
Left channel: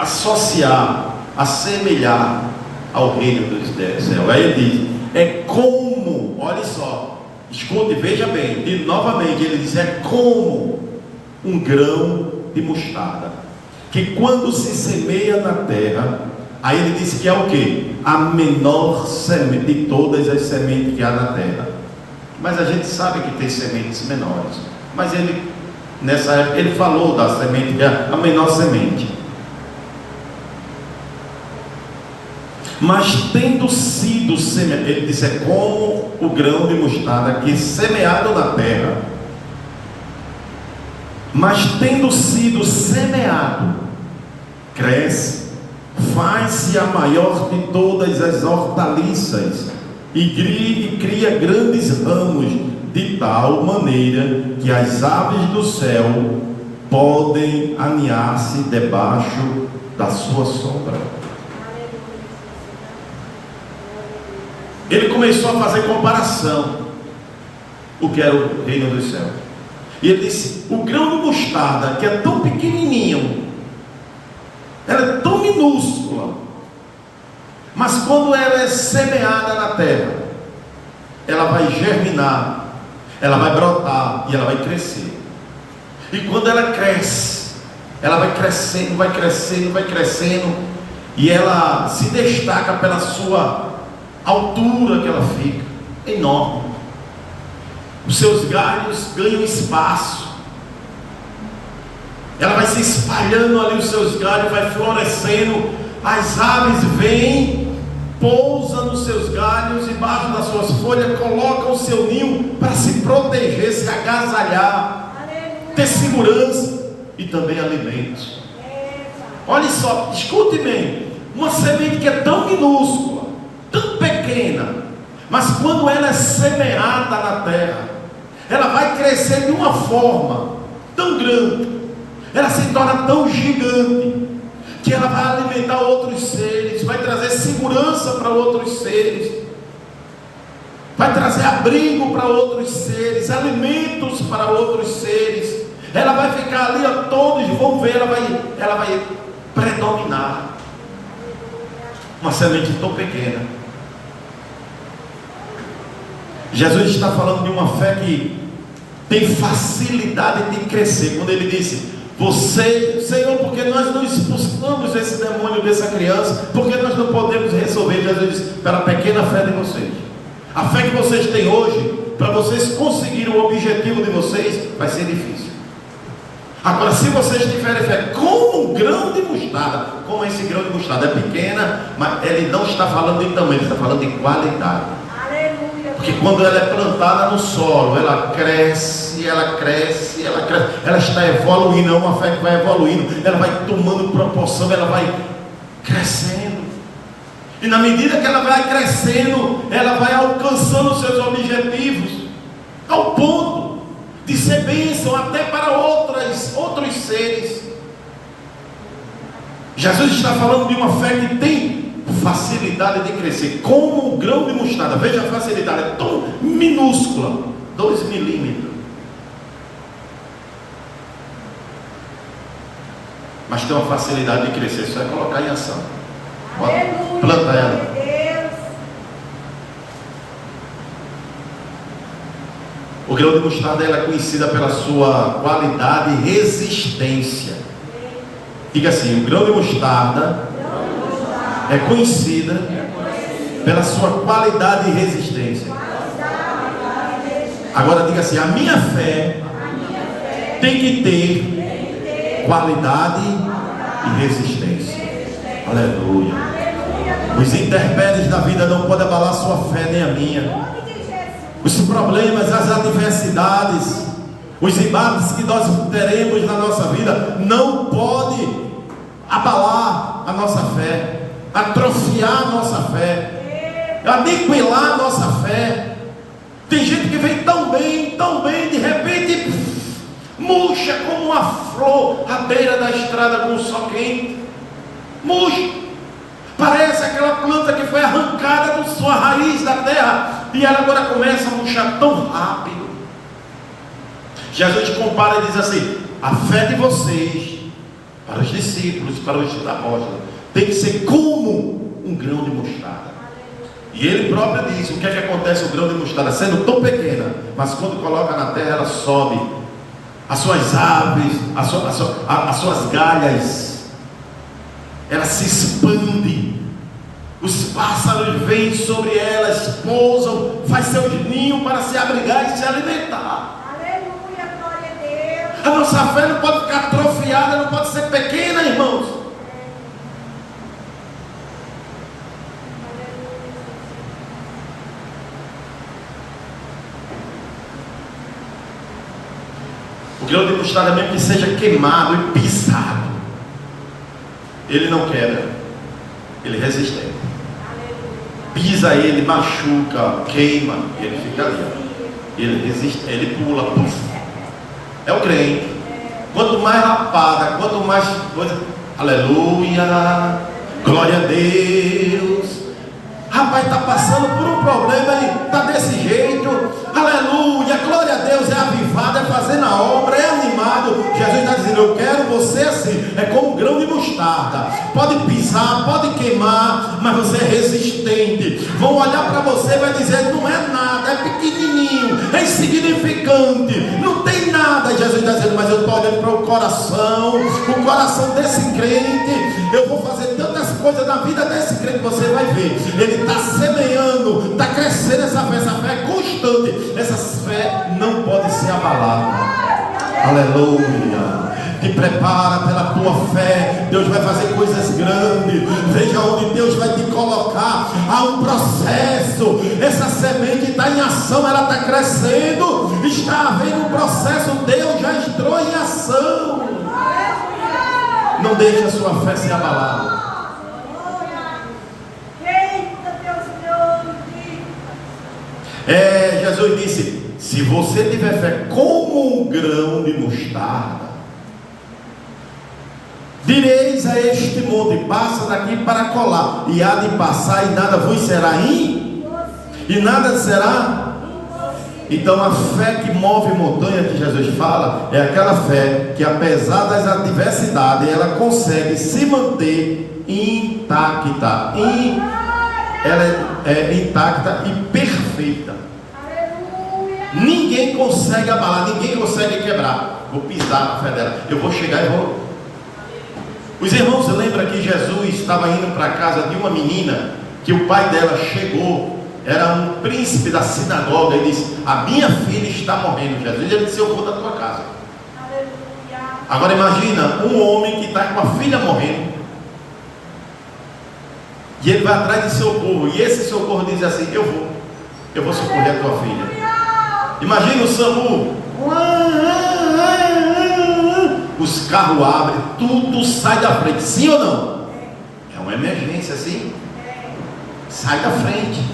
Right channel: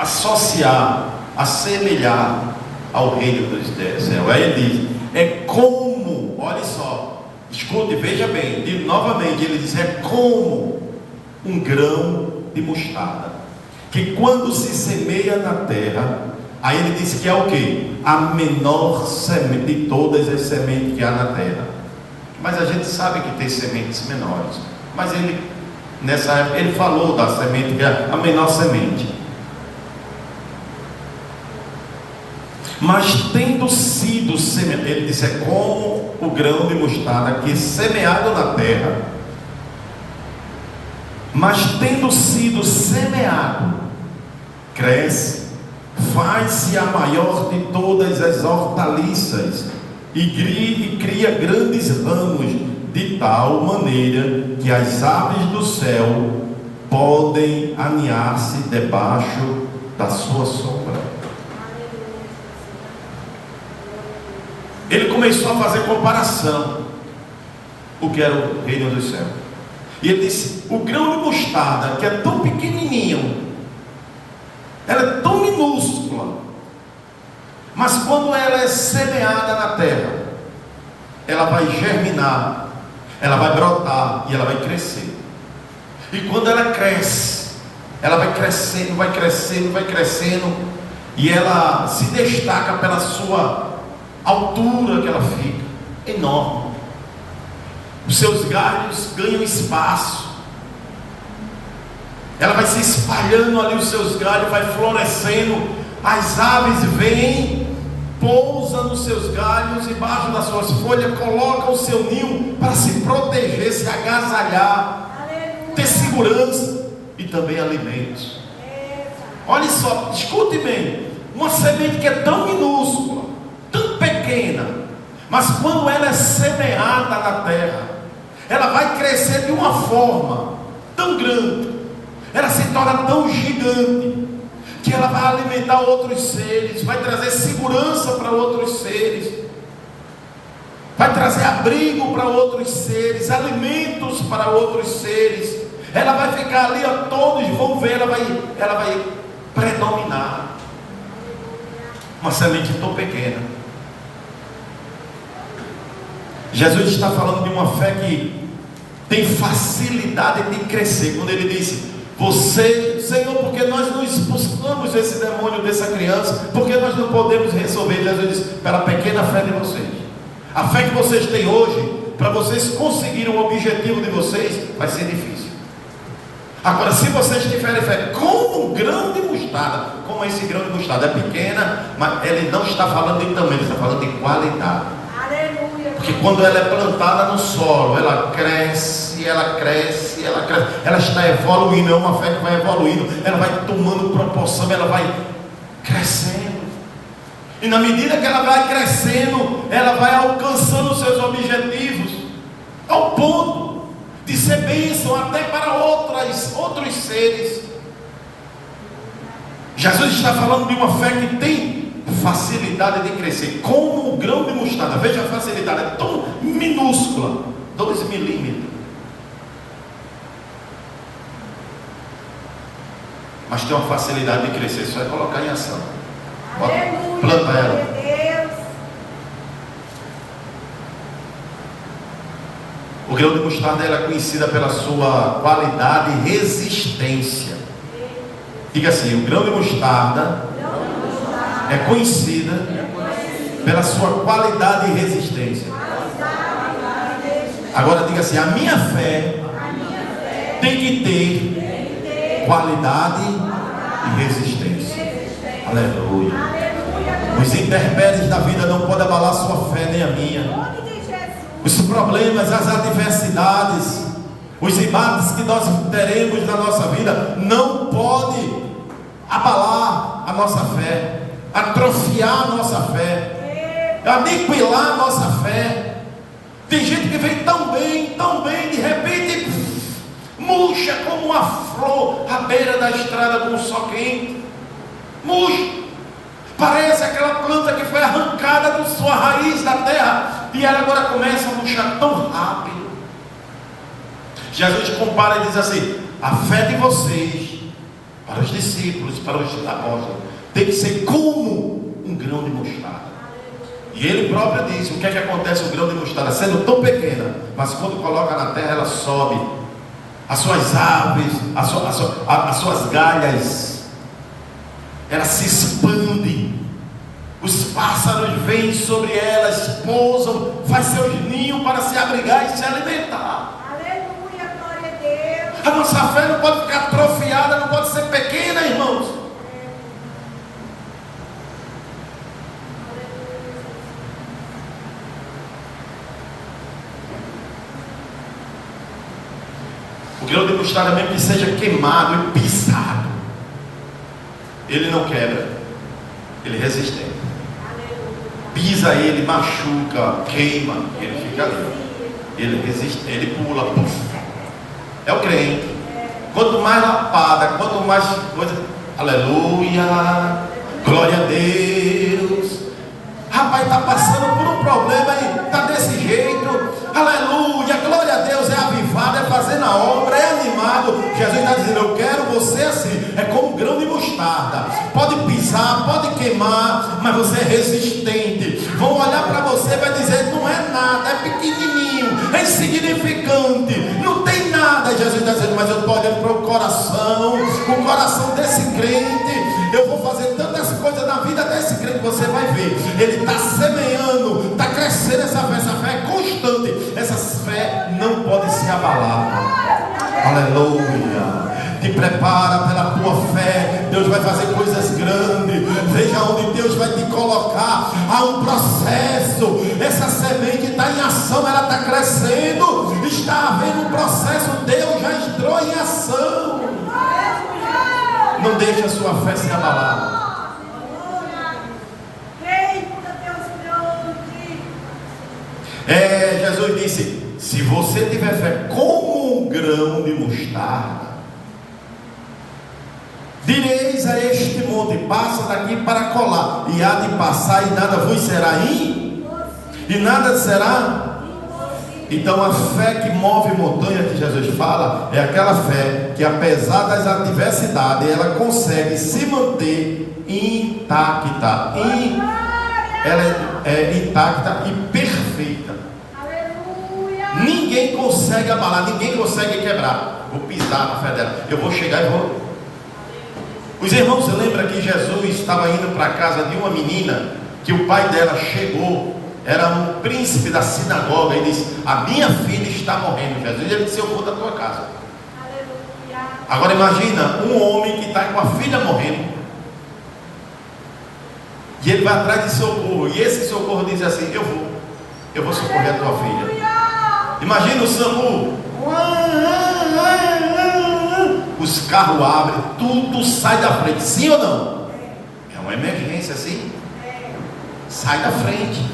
associar, assemelhar ao reino dos céus. Aí ele diz: é como, olha só, escute, veja bem, e novamente ele diz: é como um grão de mostarda, que quando se semeia na terra, aí ele diz que é o que? A menor semente de todas as sementes que há na terra. Mas a gente sabe que tem sementes menores, mas ele, nessa época, ele falou da semente que é a menor semente. Mas tendo sido semeado, ele disse: é como o grão de mostarda que é semeado na terra. Mas tendo sido semeado, cresce, faz-se a maior de todas as hortaliças, e cria grandes ramos, de tal maneira que as aves do céu podem aninhar-se debaixo da sua sombra. Ele começou a fazer comparação o que era o reino dos céus. E ele disse: o grão de mostarda, que é tão pequenininho, ela é tão minúscula, mas quando ela é semeada na terra, ela vai germinar, ela vai brotar e ela vai crescer. E quando ela cresce, ela vai crescendo, vai crescendo, vai crescendo, e ela se destaca pela sua altura que ela fica, enorme. Os seus galhos ganham espaço, ela vai se espalhando ali, os seus galhos vai florescendo, as aves vêm, pousam nos seus galhos, embaixo das suas folhas, colocam o seu ninho para se proteger, se agasalhar, ter segurança e também alimentos. Olha só, escute bem, uma semente que é tão minúscula, tão pequena, mas quando ela é semeada na terra, ela vai crescer de uma forma tão grande, ela se torna tão gigante, que ela vai alimentar outros seres, vai trazer segurança para outros seres, vai trazer abrigo para outros seres, alimentos para outros seres. Ela vai ficar ali, todos vão ver, ela vai predominar. Uma semente tão pequena. Jesus está falando de uma fé que tem facilidade de crescer. Quando ele disse: você, Senhor, porque nós não expulsamos esse demônio dessa criança, porque nós não podemos resolver. Jesus disse: pela pequena fé de vocês, a fé que vocês têm hoje, para vocês conseguirem o objetivo de vocês, vai ser difícil. Agora, se vocês tiverem fé como um grão de mostarda, como esse grão de mostarda é pequena, mas ele não está falando de tamanho, ele está falando de qualidade. Aleluia. Porque quando ela é plantada no solo, ela cresce, ela cresce, ela cresce, ela está evoluindo, é uma fé que vai evoluindo, ela vai tomando proporção, ela vai crescendo. E na medida que ela vai crescendo, ela vai alcançando seus objetivos, ao ponto de ser bênção até para outros seres. Jesus está falando de uma fé que tem facilidade de crescer, como um grão de mostarda. Veja a facilidade, é tão minúscula, 2 milímetros. Mas tem uma facilidade de crescer, só é colocar em ação. Aleluia. Planta ela. O grão de mostarda é conhecida pela sua qualidade e resistência. Diga assim: o grão de mostarda é conhecida pela sua qualidade e resistência. Agora diga assim: a minha fé tem que ter qualidade e resistência. Aleluia. Os intempéries da vida não podem abalar a sua fé nem a minha. Os problemas, as adversidades, os embates que nós teremos na nossa vida não pode abalar a nossa fé, atrofiar a nossa fé, aniquilar a nossa fé. Tem gente que vem tão bem, de repente murcha como uma flor à beira da estrada com o sol quente. Murcha. Parece aquela planta que foi arrancada da sua raiz da terra e ela agora começa a murchar tão rápido. Jesus compara e diz assim: a fé de vocês, para os discípulos, para os apóstolos, tem que ser como um grão de mostarda. E ele próprio diz: o que é que acontece com o grão de mostarda? Sendo tão pequena, mas quando coloca na terra ela sobe. As suas aves, as suas galhas, ela se expande, os pássaros vêm sobre elas, pousam, faz seus ninhos para se abrigar e se alimentar. Aleluia, glória a Deus. A nossa fé não pode ficar atrofiada, não pode ser pequena, irmãos. O grão de mostarda, mesmo que seja queimado e pisado, ele não quebra, ele é resistente. Pisa ele, machuca, queima, ele fica ali. Ele resiste, ele pula, puf. É o crente. Quanto mais lapada, quanto mais coisa, aleluia, glória a Deus. Rapaz, está passando por um problema e está desse jeito, aleluia, glória a Deus, é avivado, é fazendo a obra, é animado. Jesus está dizendo: eu quero você assim, é como um grão de mostarda, pode pisar, pode queimar, mas você é resistente. Vão olhar para você e vai dizer: não é nada, é pequenininho, é insignificante, não tem nada. Jesus está dizendo: mas eu estou olhando para o coração desse crente, eu vou fazer tantas coisas na vida desse crente, você vai ver, ele está semeando, está crescendo essa fé é constante, essa fé não pode ser abalada. Aleluia. Te prepara pela tua fé, Deus vai fazer coisas grandes. Veja onde Deus vai te colocar. Há um processo, essa semente está em ação, ela está crescendo, está havendo um processo, Deus já entrou em ação. Não deixe a sua fé se abalar. Jesus disse: se você tiver fé como um grão de mostarda, direis a este monte: passa daqui para colar, e há de passar, e nada vos será e nada será. Então a fé que move montanha, que Jesus fala, é aquela fé que, apesar das adversidades, ela consegue se manter intacta. Ela é intacta e perfeita. Ninguém consegue abalar, ninguém consegue quebrar. Vou pisar na fé dela, eu vou chegar e vou. Os irmãos lembram que Jesus estava indo para a casa de uma menina, que o pai dela chegou era um príncipe da sinagoga. Ele disse: a minha filha está morrendo, Jesus. Ele disse: eu vou da tua casa. Aleluia. Agora imagina um homem que está com a filha morrendo, e ele vai atrás de socorro, e esse socorro diz assim: eu vou socorrer a tua filha. Imagina o SAMU, os carros abrem, tudo sai da frente, sim ou não? É uma emergência, sim? Sai da frente.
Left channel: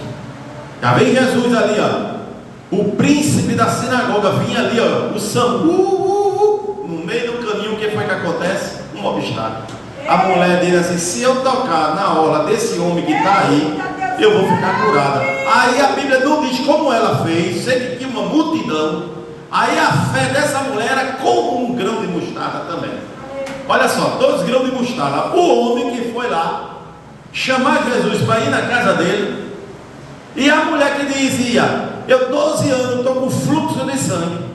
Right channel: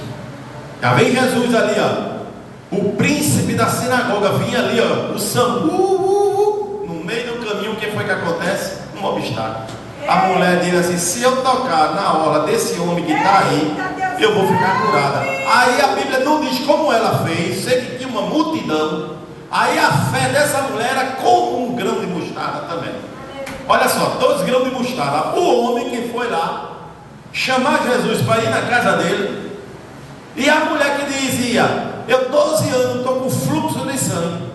Já vem Jesus ali, ó, o príncipe da sinagoga vinha ali, ó, o SAMU, no meio do caminho. O que foi que acontece? Um obstáculo. A mulher dele assim: se eu tocar na hora desse homem que está aí, eu vou ficar curada. Aí a Bíblia não diz como ela fez, sei que tinha uma multidão. Aí a fé dessa mulher era como um grão de mostarda também. Olha só, 2 grãos de mostarda. O homem que foi lá chamar Jesus para ir na casa dele, e a mulher que dizia: eu 12 anos estou com fluxo de sangue,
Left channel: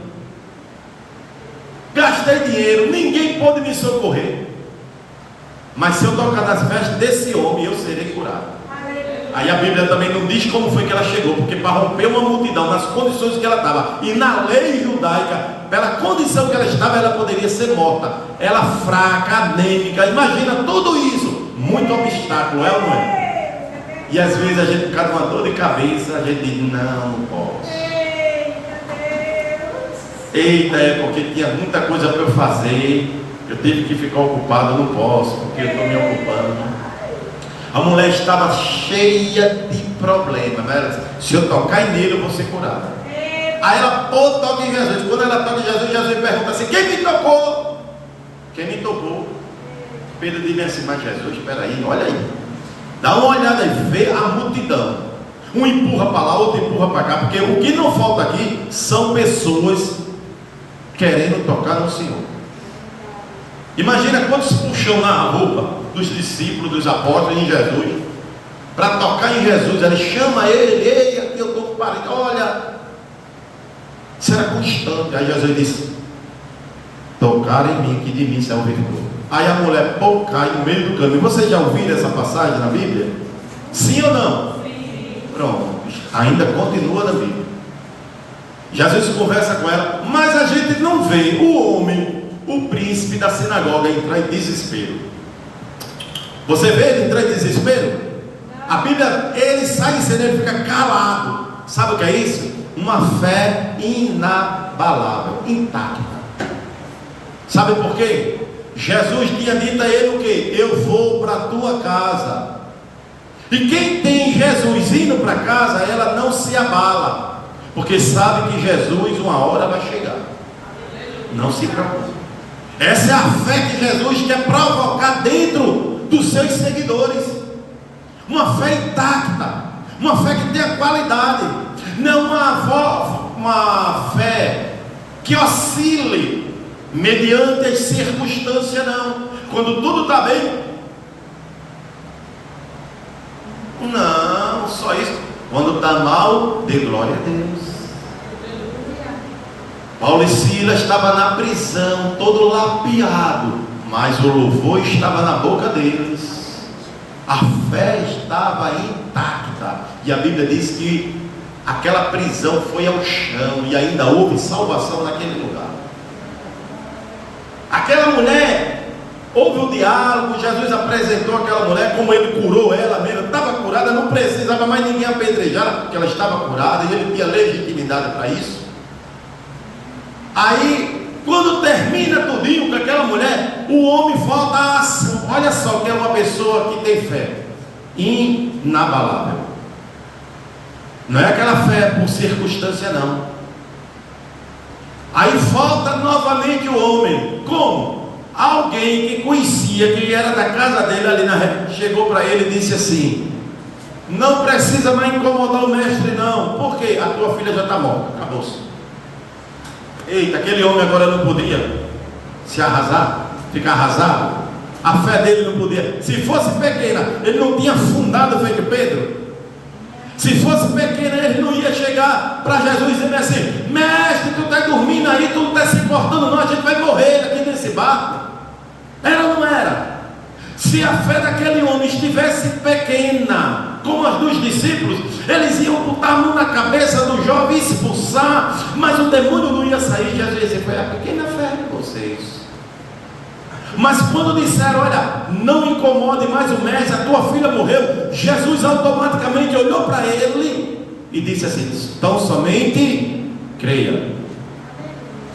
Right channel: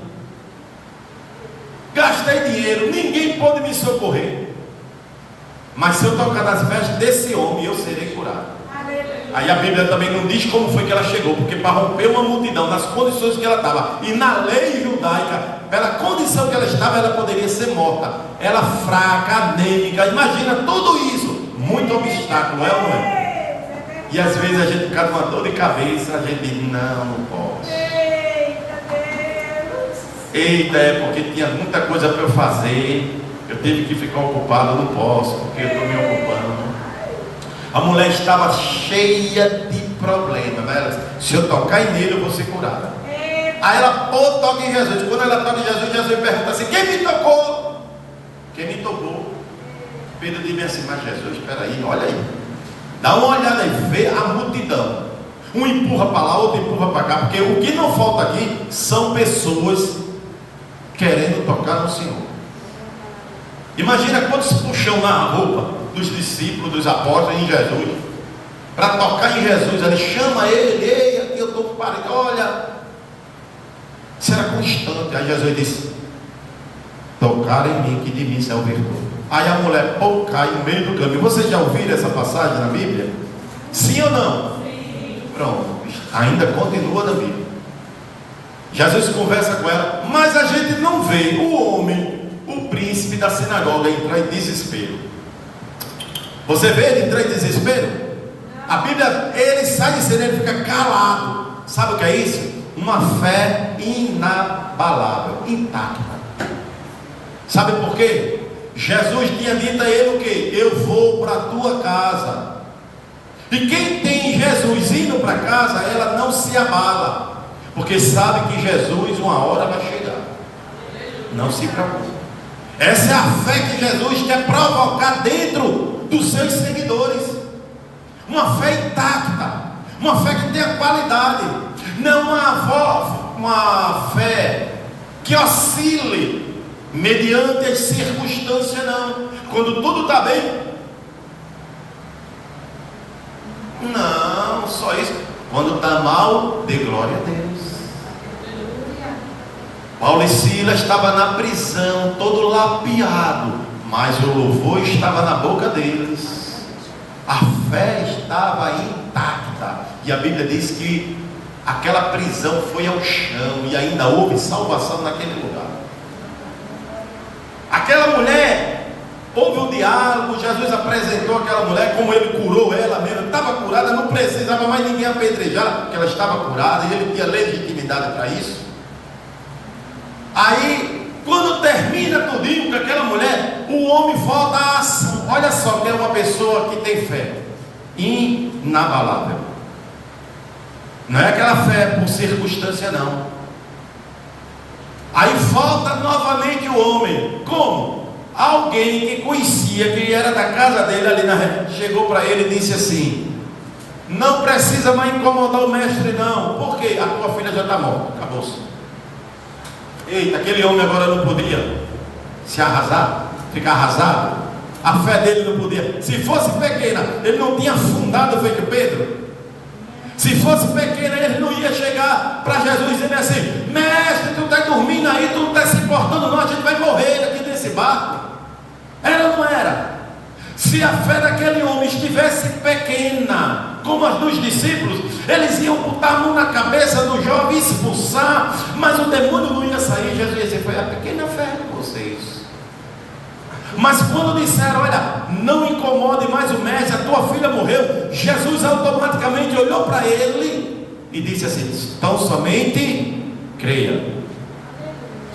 gastei dinheiro, ninguém pode me socorrer, mas se eu tocar nas vestes desse homem, eu serei curado. Aí a Bíblia também não diz como foi que ela chegou, porque para romper uma multidão, nas condições que ela estava, e na lei judaica, pela condição que ela estava, ela poderia ser morta. Ela fraca, anêmica, imagina tudo isso, muito obstáculo, é ou não é? E às vezes a gente fica com uma dor de cabeça, a gente diz: não posso. Eita, é porque tinha muita coisa para eu fazer, eu tive que ficar ocupado, eu não posso, porque eu estou me ocupando. A mulher estava cheia de problemas, né? Se eu tocar nele, eu vou ser curada. Aí ela toca em Jesus. Quando ela toca em Jesus, Jesus pergunta assim: quem me tocou? Quem me tocou? Pedro diz assim: mas Jesus, espera aí, olha aí, dá uma olhada e vê a multidão. Um empurra para lá, outro empurra para cá, porque o que não falta aqui são pessoas querendo tocar no Senhor. Imagina quantos puxão na roupa dos discípulos, dos apóstolos em Jesus, para tocar em Jesus. Ele chama ele: ei, aqui eu estou com parede, olha. Isso era constante. Aí Jesus disse: tocar em mim, que de mim é o virtude. Aí a mulher cai no meio do caminho. Vocês já ouviram essa passagem na Bíblia? Sim ou não? Sim. Pronto, ainda continua na Bíblia. Jesus conversa com ela, mas a gente não vê o homem, o príncipe da sinagoga, entrar em desespero. Você vê ele entrar em desespero? A Bíblia, ele sai em cena, ele fica calado. Sabe o que é isso? Uma fé inabalável, intacta. Sabe por quê? Jesus tinha dito a ele o quê? Eu vou para a tua casa. E quem tem Jesus indo para casa, ela não se abala, porque sabe que Jesus uma hora vai chegar. Não se preocupe. Essa é a fé que Jesus quer provocar dentro dos seus seguidores. Uma fé intacta, uma fé que tenha qualidade, não uma fé que oscile mediante as circunstâncias, não. Quando tudo está bem, não, só isso. Quando está mal, dê glória a Deus. Paulo e Silas estavam na prisão, todo lapiado, mas o louvor estava na boca deles. A fé estava intacta. E a Bíblia diz que aquela prisão foi ao chão e ainda houve salvação naquele lugar. Aquela mulher, houve um diálogo. Jesus apresentou aquela mulher, como ele curou ela mesmo. Estava curada, não precisava mais ninguém apedrejar, porque ela estava curada e ele tinha legitimidade para isso. Aí, quando termina tudinho com aquela mulher, o homem volta à ação. Olha só que é uma pessoa que tem fé inabalável. Não é aquela fé por circunstância, não. Aí volta novamente o homem. Como? Alguém que conhecia, que era da casa dele ali na rede, chegou para ele e disse assim: não precisa mais incomodar o mestre, não. Por quê? A tua filha já está morta. Acabou-se. Eita, aquele homem agora não podia se arrasar, ficar arrasado. A fé dele não podia. Se fosse pequena, ele não tinha fundado feito Pedro. Se fosse pequena, ele não ia chegar para Jesus e dizer assim: mestre, tu está dormindo aí, tu não está se importando não, a gente vai morrer aqui nesse barco. Era ou não era? Se a fé daquele homem estivesse pequena, como as dos discípulos, Eles iam botar a mão na cabeça do jovem e expulsar, mas o demônio não ia sair. Jesus disse: foi a pequena fé de vocês. Mas quando disseram: olha, não incomode mais o mestre, a tua filha morreu, Jesus automaticamente olhou para ele e disse assim: tão somente creia.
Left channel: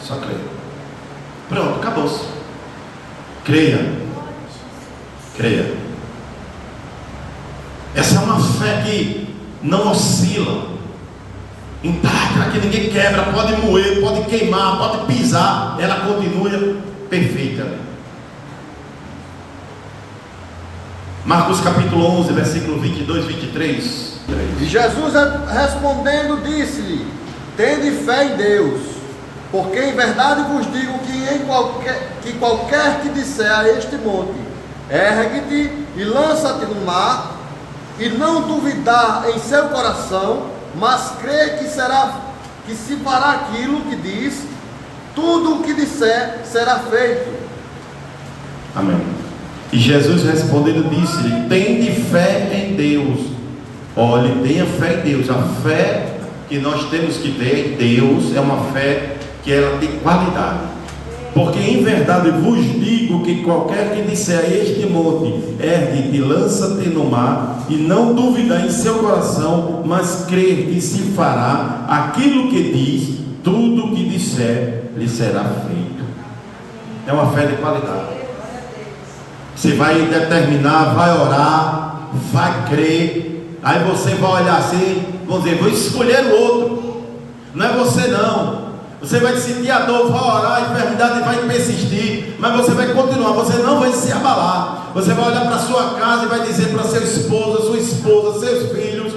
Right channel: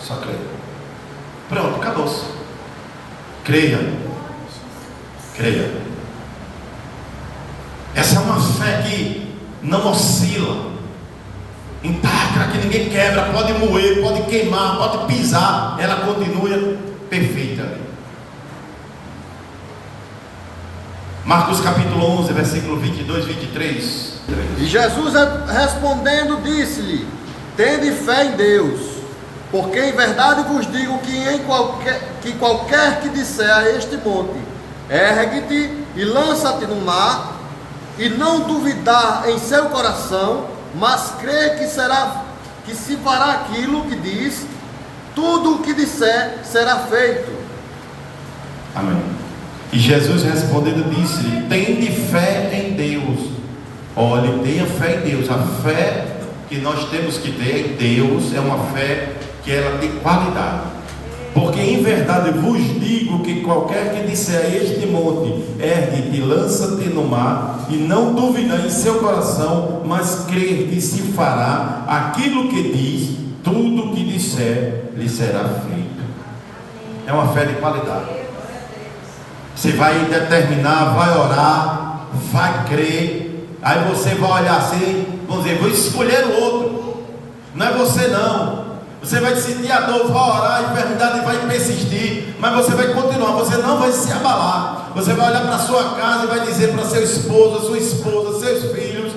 Só creia. Pronto, acabou-se. Creia. Creia. Essa é uma fé que não oscila, intacta, que ninguém quebra, pode moer, pode queimar, pode pisar, ela continua perfeita. Marcos capítulo 11, versículo 22, 23. E Jesus respondendo disse-lhe: tende fé em Deus, porque em verdade vos digo que qualquer que disser a este monte: ergue-te e lança-te no mar, e não duvidar em seu coração, mas crê que se fará aquilo que diz, tudo o que disser será feito. Amém. E Jesus respondendo disse-lhe: tende fé em Deus. Olhe, tenha fé em Deus. A fé que nós temos que ter em Deus é uma fé que ela tem qualidade. Porque em verdade vos digo que qualquer que disser a este monte: ergue-te e lança-te no mar, e não duvidar em seu coração, mas crer que se fará aquilo que diz, tudo o que disser lhe será feito. É uma fé de qualidade. Você vai determinar, vai orar, vai crer, aí você vai olhar assim, vamos dizer: vou escolher o outro. Não é você não. Você vai sentir a dor, vai orar, a enfermidade vai persistir, mas você vai continuar, você não vai se abalar. Você vai olhar para a sua casa e vai dizer para seu esposo, sua esposa, seus filhos:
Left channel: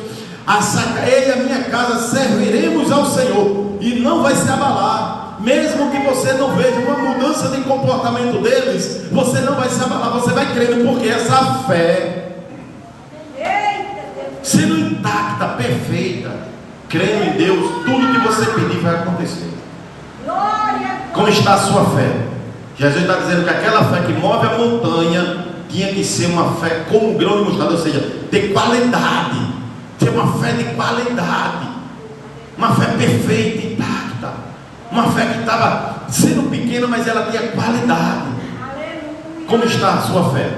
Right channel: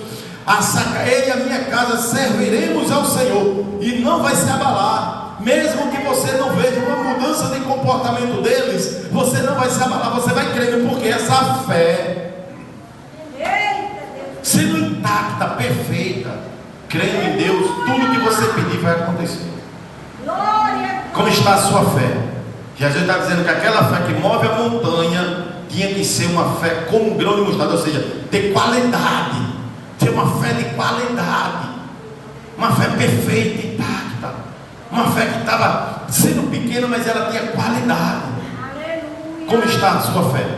ele e a minha casa serviremos ao Senhor, e não vai se abalar. Mesmo que você não veja uma mudança de comportamento deles, você não vai se abalar, você vai crendo, porque essa fé, sendo intacta, perfeita, crendo em Deus, tudo que você pedir vai acontecer. Como está a sua fé? Jesus está dizendo que aquela fé que move a montanha tinha que ser uma fé como um grão de mostarda, ou seja, ter qualidade, ter uma fé de qualidade, uma fé perfeita, intacta, uma fé que estava sendo pequena, mas ela tinha qualidade. Como está a sua fé?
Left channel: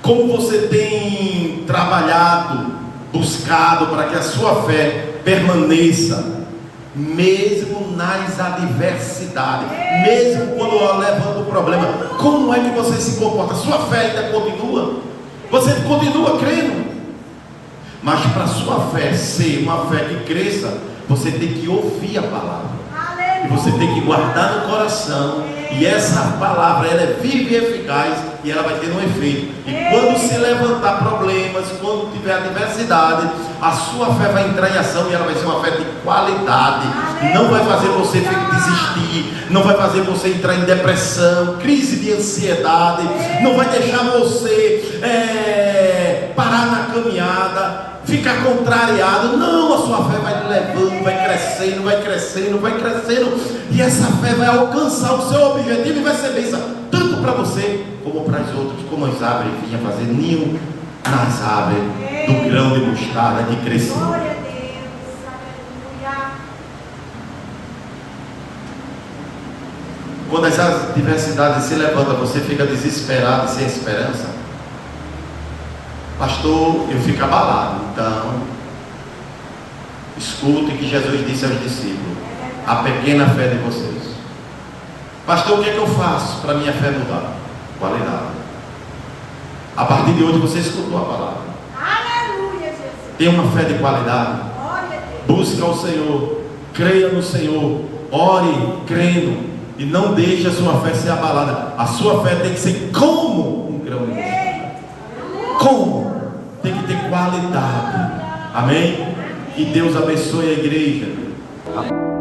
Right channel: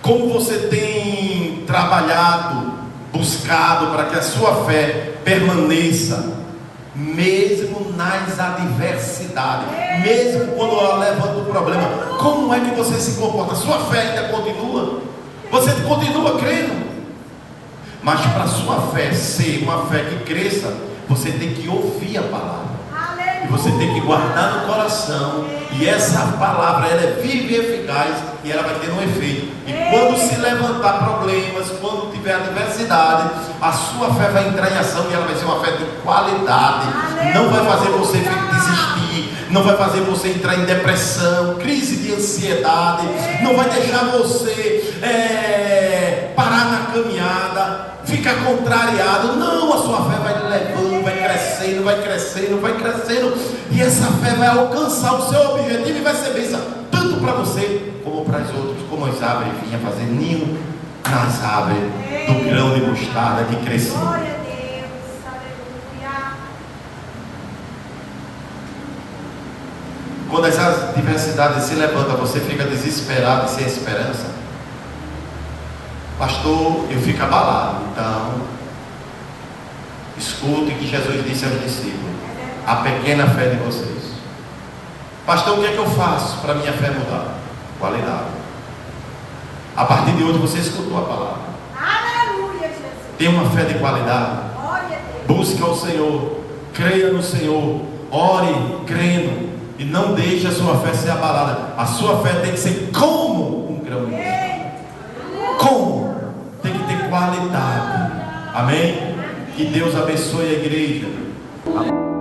Como você tem trabalhado, buscado para que a sua fé permaneça, mesmo nas adversidades, mesmo quando ela levanta o problema? Como é que você se comporta? Sua fé ainda continua? Você continua crendo? Mas para a sua fé ser uma fé que cresça, você tem que ouvir a palavra, e você tem que guardar no coração, e essa palavra ela é viva e eficaz, e ela vai ter um efeito. E quando se levantar problemas, quando tiver adversidade, a sua fé vai entrar em ação, e ela vai ser uma fé de qualidade. Não vai fazer você desistir, não vai fazer você entrar em depressão, crise de ansiedade, não vai deixar você parar na caminhada, ficar contrariado. Não, a sua fé vai levando, vai crescendo, vai crescendo, vai crescendo, e essa fé vai alcançar o seu objetivo e vai ser bênção, tanto para você como para os outros, como as árvores vinham fazer ninho nas árvores do grão de mostarda que crescia. Quando as adversidades se levantam, você fica desesperado, sem esperança. Pastor, eu fico abalado. Então, escute o que Jesus disse aos discípulos: a pequena fé de vocês. Pastor, o que é que eu faço para minha fé mudar? Qualidade. A partir de hoje você escutou a palavra. Aleluia, Jesus. Tenha uma fé de qualidade. Busque ao Senhor, creia no Senhor, ore crendo, e não deixe a sua fé ser abalada. A sua fé tem que ser como um grão de mostarda. Como? Tem que ter qualidade. Amém? Que Deus abençoe a igreja. Amém.